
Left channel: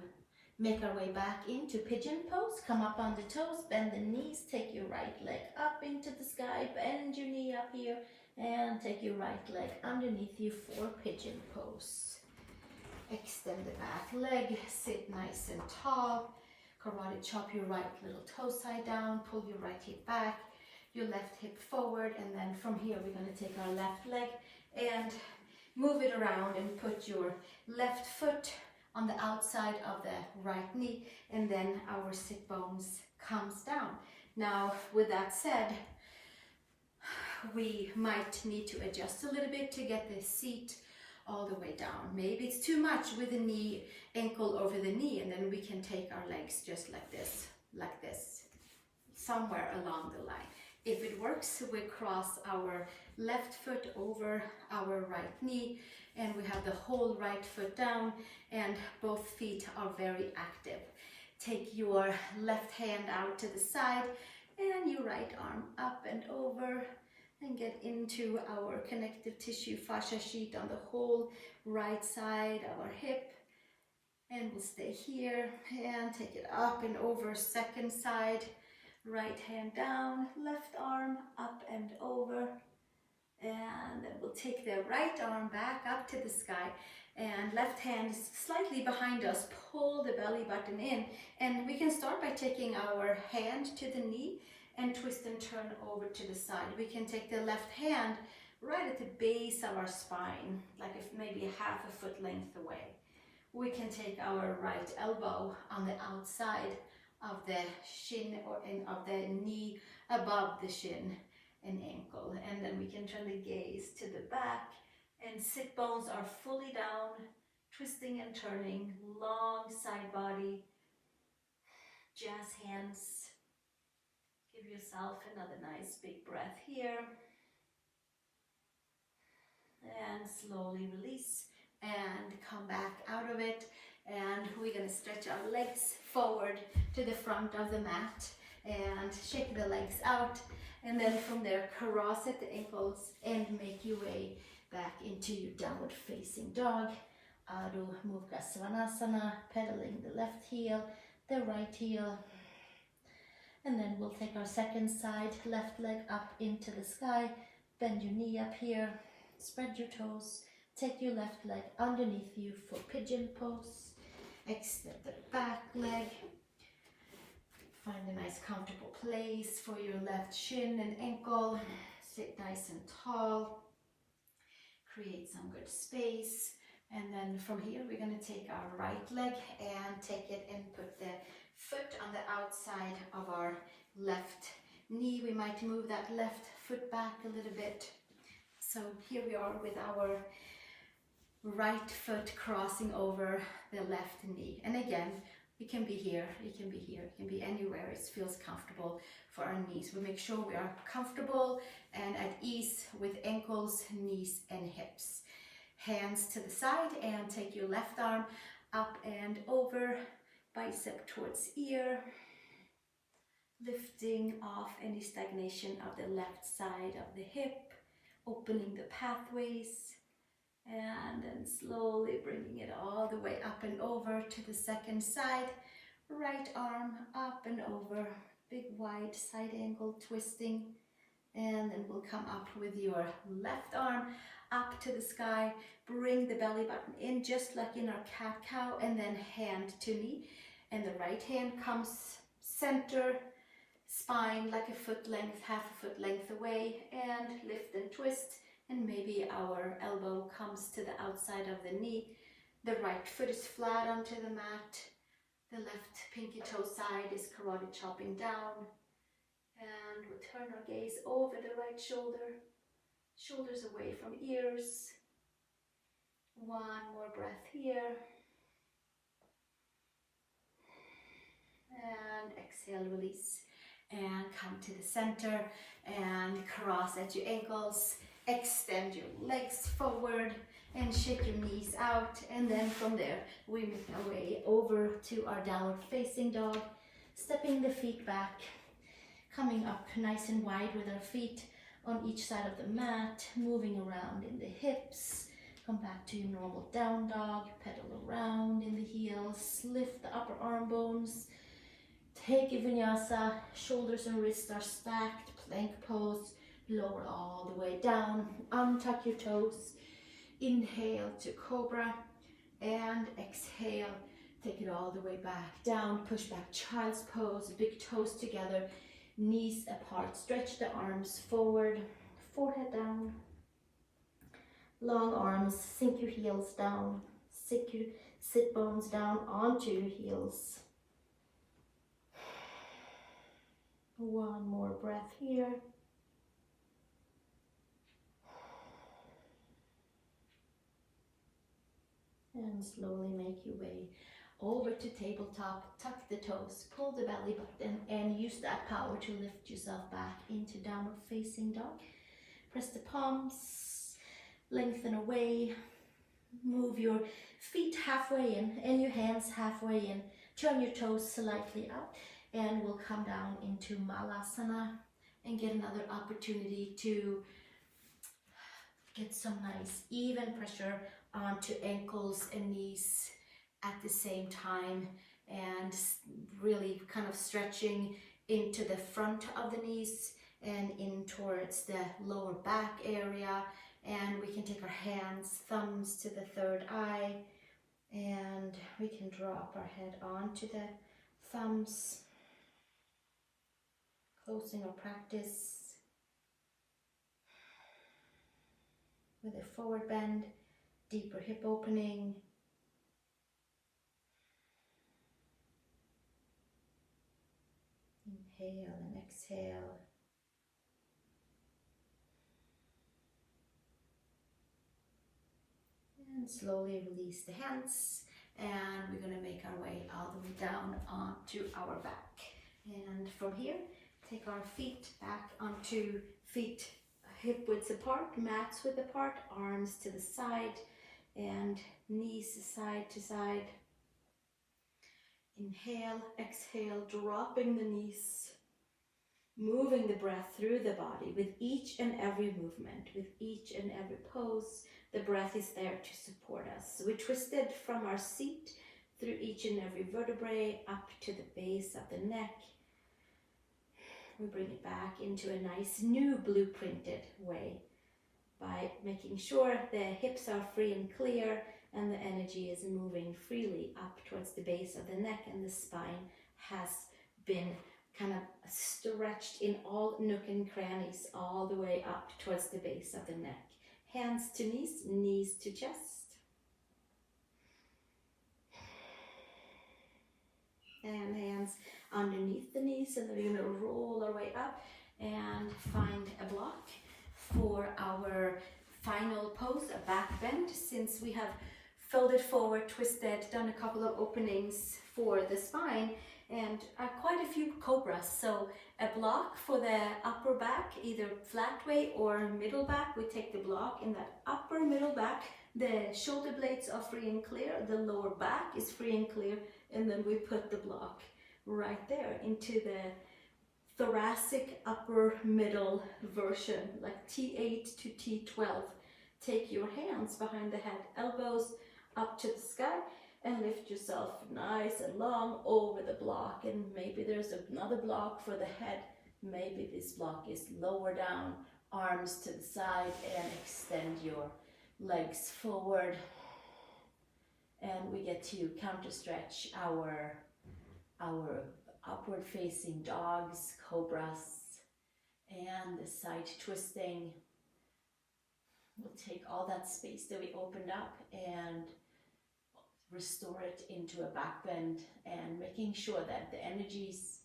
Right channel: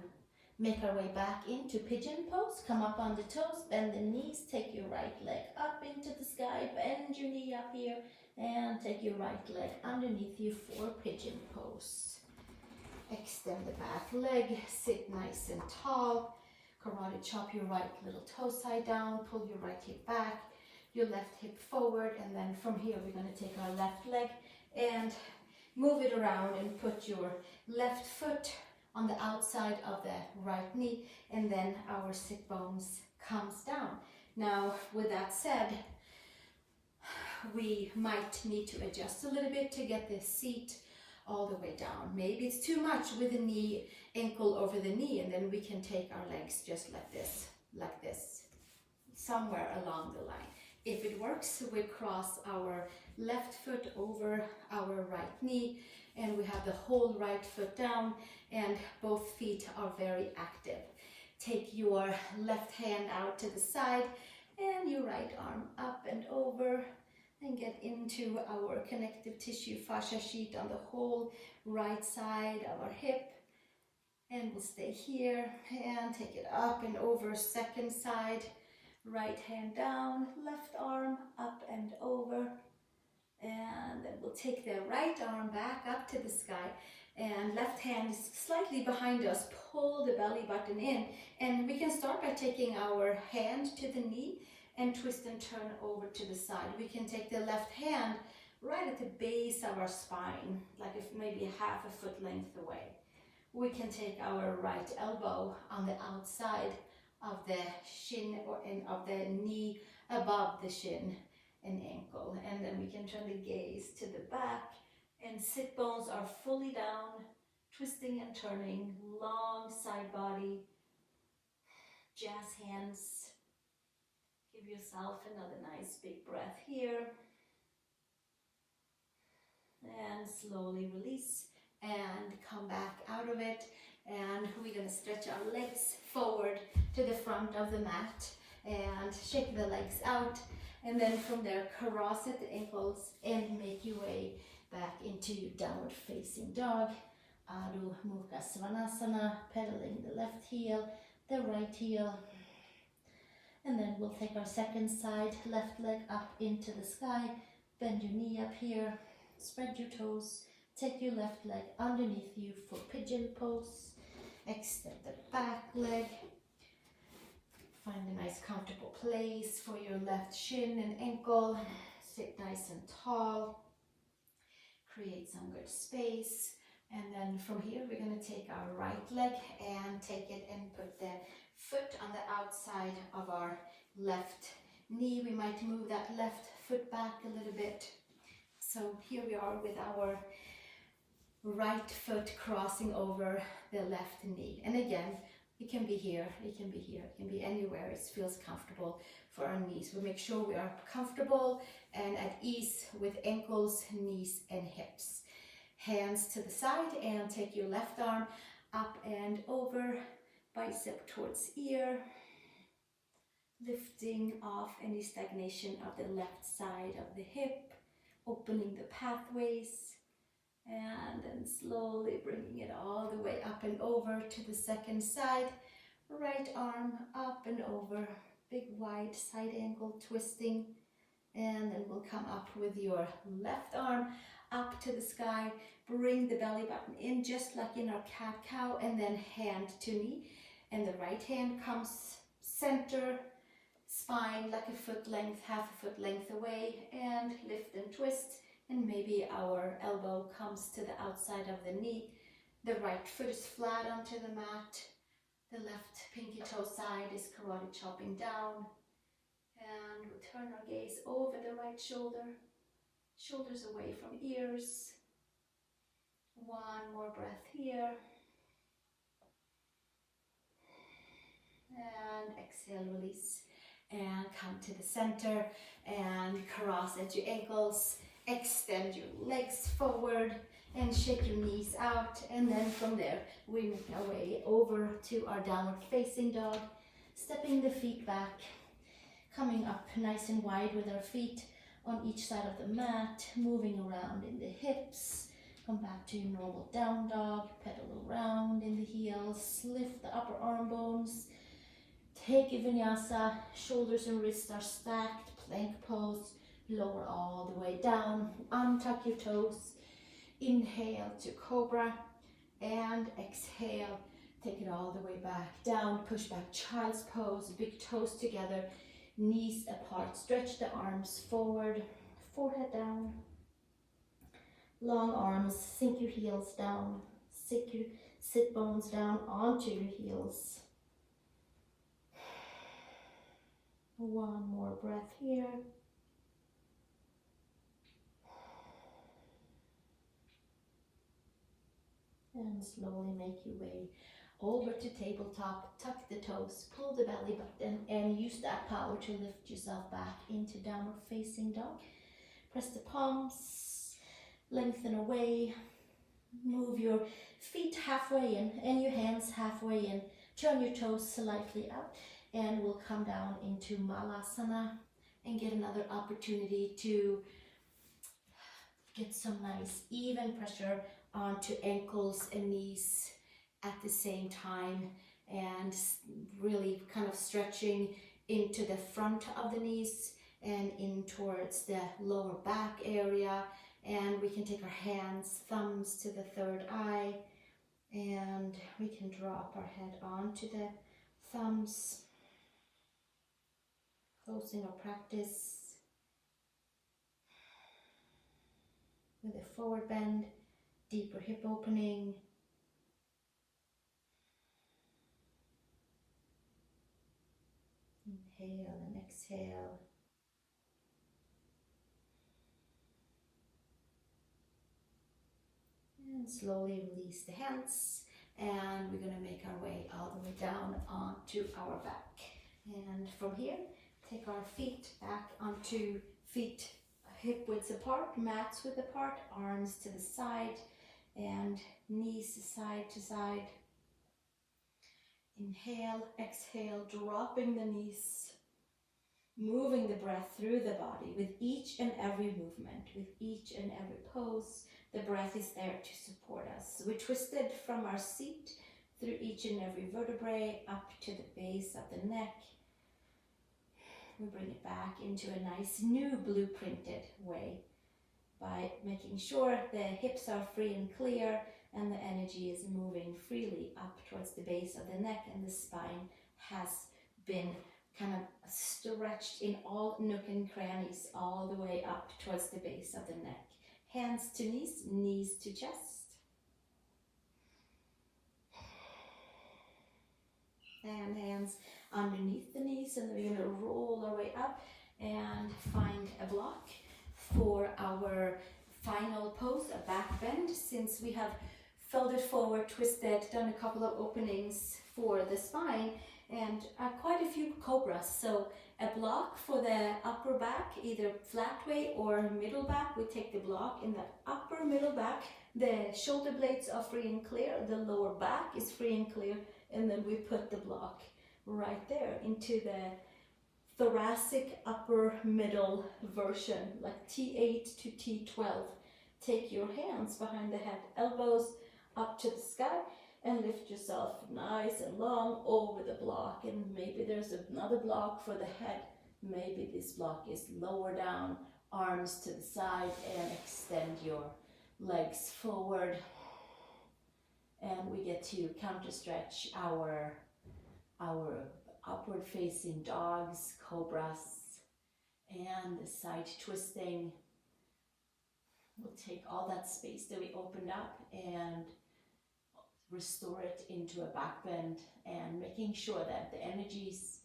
make our way back into pigeon pose. Come up on the toes, bend the knees, take your right leg up into the sky, bend your knee up here, and take your right leg underneath you for pigeon pose. Extend the back leg, sit nice and tall. Karate chop your right little toe side down, pull your right hip back, your left hip forward, and then from here we're going to take our left leg and move it around and put your left foot on the outside of the right knee, and then our sit bones comes down. Now, with that said, we might need to adjust a little bit to get the seat all the way down. Maybe it's too much with the knee, ankle over the knee, and then we can take our legs just like this, somewhere along the line. If it works, we cross our left foot over our right knee, and we have the whole right foot down, and both feet are very active. Take your left hand out to the side, and your right arm up and over, and get into our connective tissue fascia sheet on the whole right side of our hip. And we'll stay here, and take it up and over, second side. Right hand down, left arm up and over, and then we'll take the right arm back up to the sky, and left hand is slightly behind us. Pull the belly button in, and we can start by taking our hand to the knee and twist and turn over to the side. We can take the left hand right at the base of our spine, like if maybe half a foot length away. We can take our right elbow on the outside of the shin of the knee above the shin and ankle, and then we can turn the gaze to the back, and sit bones are fully down, twisting and turning, long side body, jazz hands. Give yourself another nice big breath here, and slowly release and come back out of it. And we're going to stretch our legs forward to the front of the mat and shake the legs out, and then from there cross at the ankles and make your way back into your downward facing dog. Adho Mukha Svanasana, pedaling the left heel, the right heel, and then we'll take our second side, left leg up into the sky, bend your knee up here, spread your toes, take your left leg underneath you for pigeon pose. Extend the back leg. Find a nice comfortable place for your left shin and ankle. Sit nice and tall. Create some good space. And then from here, we're going to take our right leg and take it and put the foot on the outside of our left knee. We might move that left foot back a little bit. So here we are with our right foot crossing over the left knee. And again, it can be here, it can be here, it can be anywhere it feels comfortable for our knees. We make sure we are comfortable and at ease with ankles, knees, and hips. Hands to the side, and take your left arm up and over, bicep towards ear, lifting off any stagnation of the left side of the hip, opening the pathways. And then slowly bringing it all the way up and over to the second side. Right arm up and over, big wide side angle twisting. And then we'll come up with your left arm up to the sky. Bring the belly button in just like in our cat-cow, and then hand to knee. And the right hand comes center, spine like a foot length, half a foot length away, and lift and twist. And maybe our elbow comes to the outside of the knee. The right foot is flat onto the mat. The left pinky toe side is karate chopping down. And we'll turn our gaze over the right shoulder, shoulders away from ears. One more breath here. And exhale, release. And come to the center and cross at your ankles. Extend your legs forward and shake your knees out. And then from there, we make our way over to our downward facing dog. Stepping the feet back, coming up nice and wide with our feet on each side of the mat, moving around in the hips. Come back to your normal down dog, pedal around in the heels, lift the upper arm bones. Take a vinyasa, shoulders and wrists are stacked, plank pose, lower all the way down, untuck your toes, inhale to cobra, and exhale, take it all the way back down, push back child's pose, big toes together, knees apart, stretch the arms forward, forehead down, long arms, sink your heels down, sink your sit bones down onto your heels. One more breath here. And slowly make your way over to tabletop, tuck the toes, pull the belly button, and use that power to lift yourself back into downward facing dog. Press the palms, lengthen away, move your feet halfway in and your hands halfway in. Turn your toes slightly up, and we'll come down into Malasana and get another opportunity to get some nice even pressure onto ankles and knees at the same time, and really kind of stretching into the front of the knees and in towards the lower back area. And we can take our hands, thumbs to the third eye, and we can drop our head onto the thumbs, closing our practice with a forward bend, deeper hip opening. Inhale and exhale. And slowly release the hands. And we're going to make our way all the way down onto our back. And from here, take our feet back onto feet hip widths apart, mats width apart, arms to the side, and knees side to side. Inhale, exhale, dropping the knees, moving the breath through the body with each and every movement, with each and every pose. The breath is there to support us. We twisted from our seat through each and every vertebrae up to the base of the neck. We bring it back into a nice new blueprinted way by making sure the hips are free and clear and the energy is moving freely up towards the base of the neck, and the spine has been kind of stretched in all nook and crannies all the way up towards the base of the neck. Hands to knees, knees to chest. And hands underneath the knees, and then we're going to roll our way up and find a block for our final pose, a back bend. Since we have folded forward, twisted, done a couple of openings for the spine, and quite a few cobras. So a block for the upper back, either flat way or middle back. We take the block in that upper middle back. The shoulder blades are free and clear. The lower back is free and clear. And then we put the block right there into the thoracic upper middle version, like T8 to T12. Take your hands behind the head, elbows up to the sky, and lift yourself nice and long over the block. And maybe there's another block for the head. Maybe this block is lower down, arms to the side, and extend your legs forward. And we get to counter stretch our upward facing dogs, cobras, and the side twisting. We'll take all that space that we opened up and restore it into a back bend, and making sure that the energies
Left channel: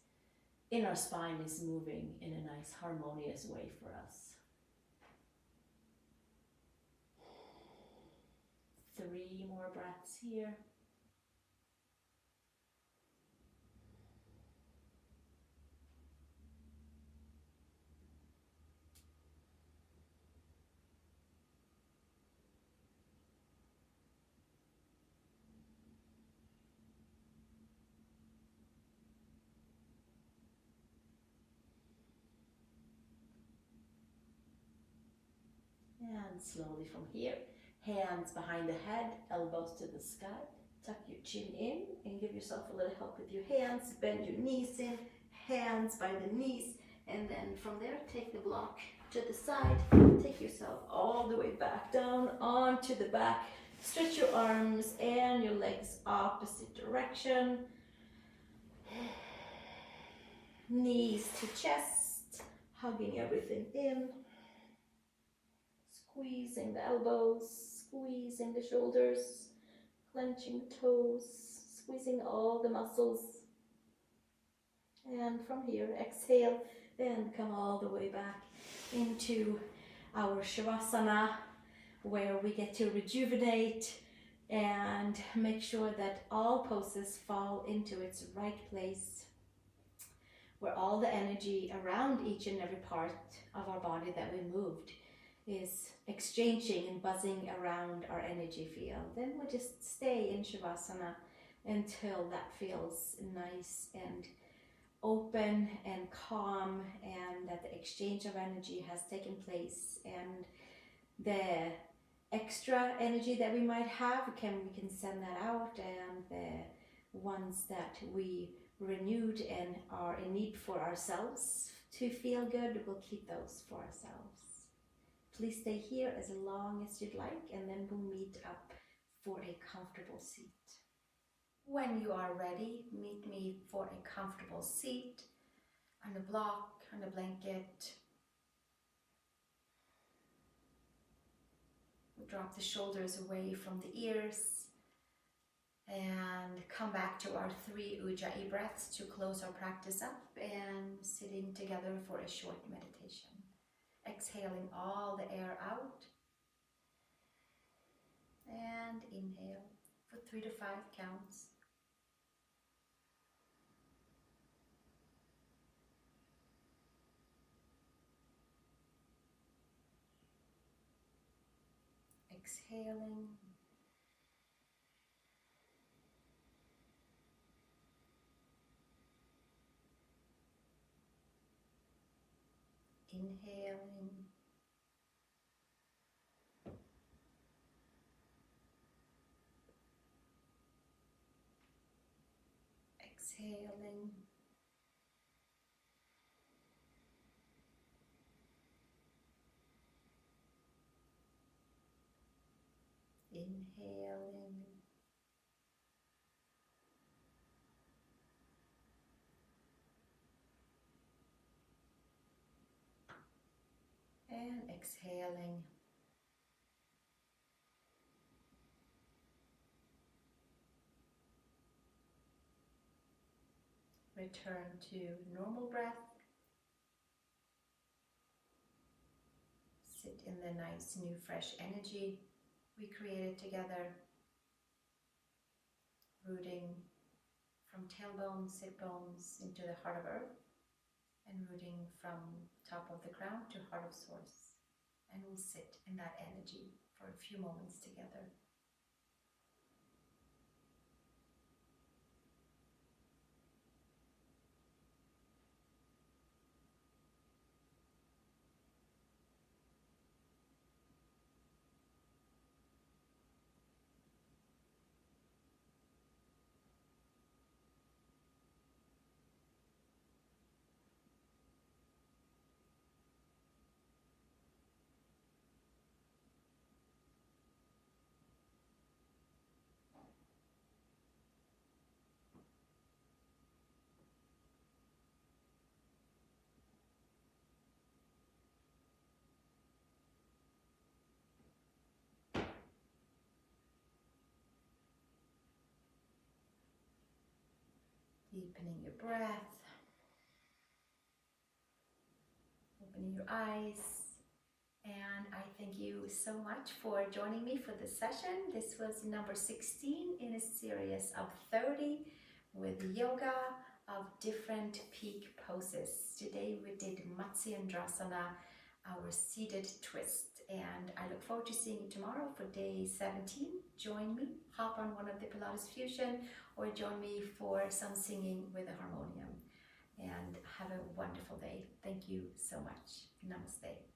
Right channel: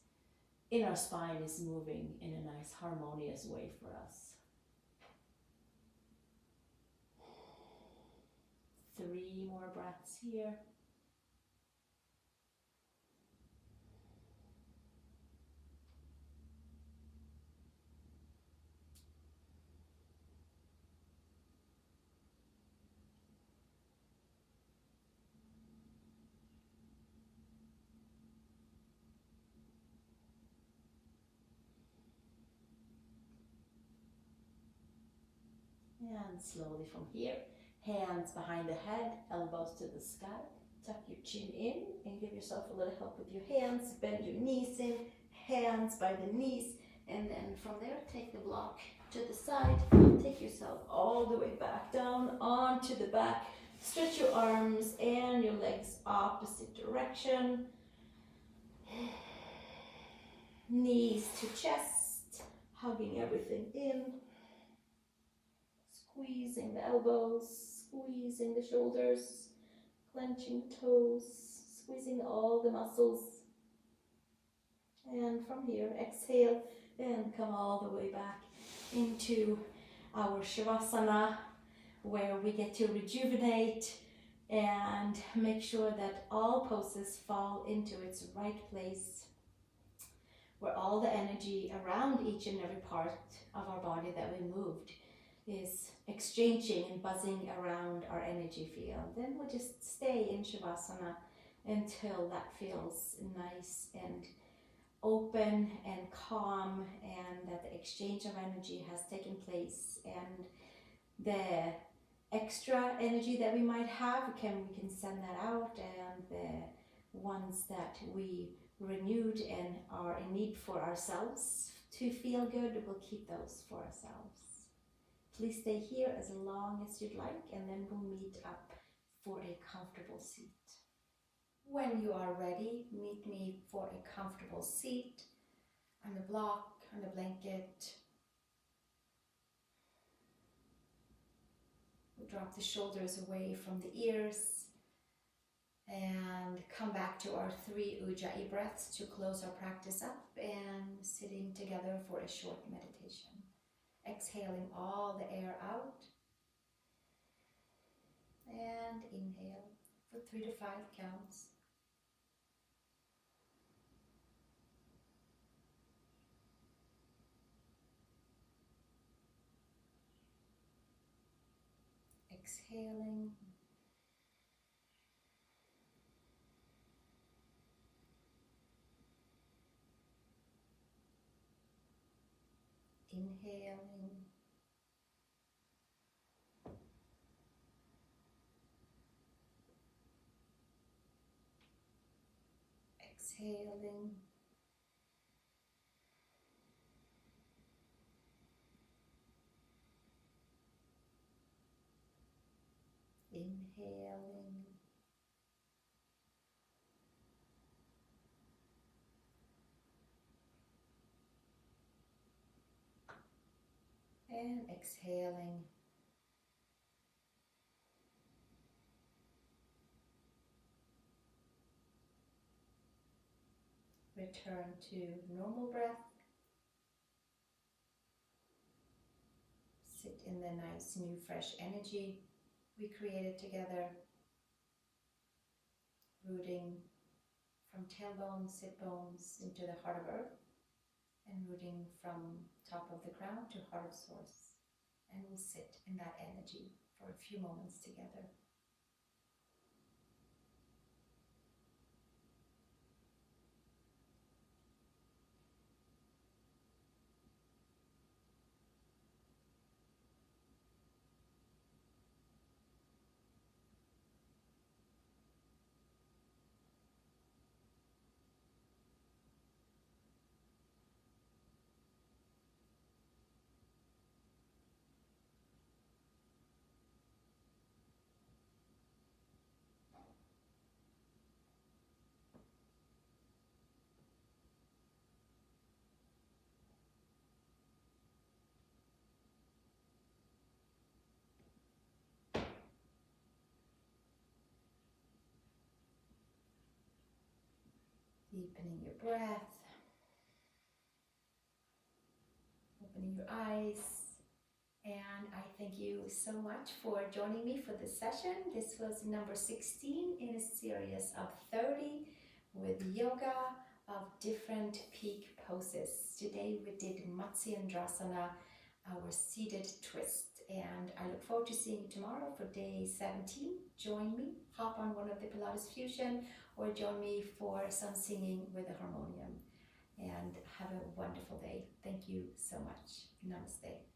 inner spine is moving in a nice harmonious way for us. 3 more breaths here. And slowly from here, hands behind the head, elbows to the sky. Tuck your chin in and give yourself a little help with your hands. Bend your knees in, hands by the knees. And then from there, take the block to the side. Take yourself all the way back down onto the back. Stretch your arms and your legs opposite direction. Knees to chest, hugging everything in. Squeezing the elbows, squeezing the shoulders, clenching toes, squeezing all the muscles. And from here, exhale and come all the way back into our Savasana, where we get to rejuvenate and make sure that all poses fall into its right place, where all the energy around each and every part of our body that we moved is exchanging and buzzing around our energy field. Then we'll just stay in Shavasana until that feels nice and open and calm, and that the exchange of energy has taken place, and the extra energy that we might have, we can send that out, and the ones that we renewed and are in need for ourselves to feel good, we'll keep those for ourselves. Please stay here as long as you'd like, and then we'll meet up for a comfortable seat. When you are ready, meet me for a comfortable seat, on a block, on a blanket. We'll drop the shoulders away from the ears and come back to our 3 Ujjai breaths to close our practice up, and sitting together for a short meditation. Exhaling all the air out, and inhale for 3 to 5 counts. Exhaling. Inhaling. Exhaling. Inhaling. And exhaling. Return to normal breath. Sit in the nice new fresh energy we created together. Rooting from tailbone, sit bones into the heart of earth, and rooting from top of the crown to heart of source. And we'll sit in that energy for a few moments together. Deepening your breath. opening your eyes. And I thank you so much for joining me for this session. This was number 16 in a series of 30 with yoga of different peak poses. Today we did Matsyendrasana, our seated twist. And I look forward to seeing you tomorrow for day 17. Join me, hop on one of the Pilates Fusion, or join me for some singing with a harmonium. And have a wonderful day. Thank you so much. Namaste.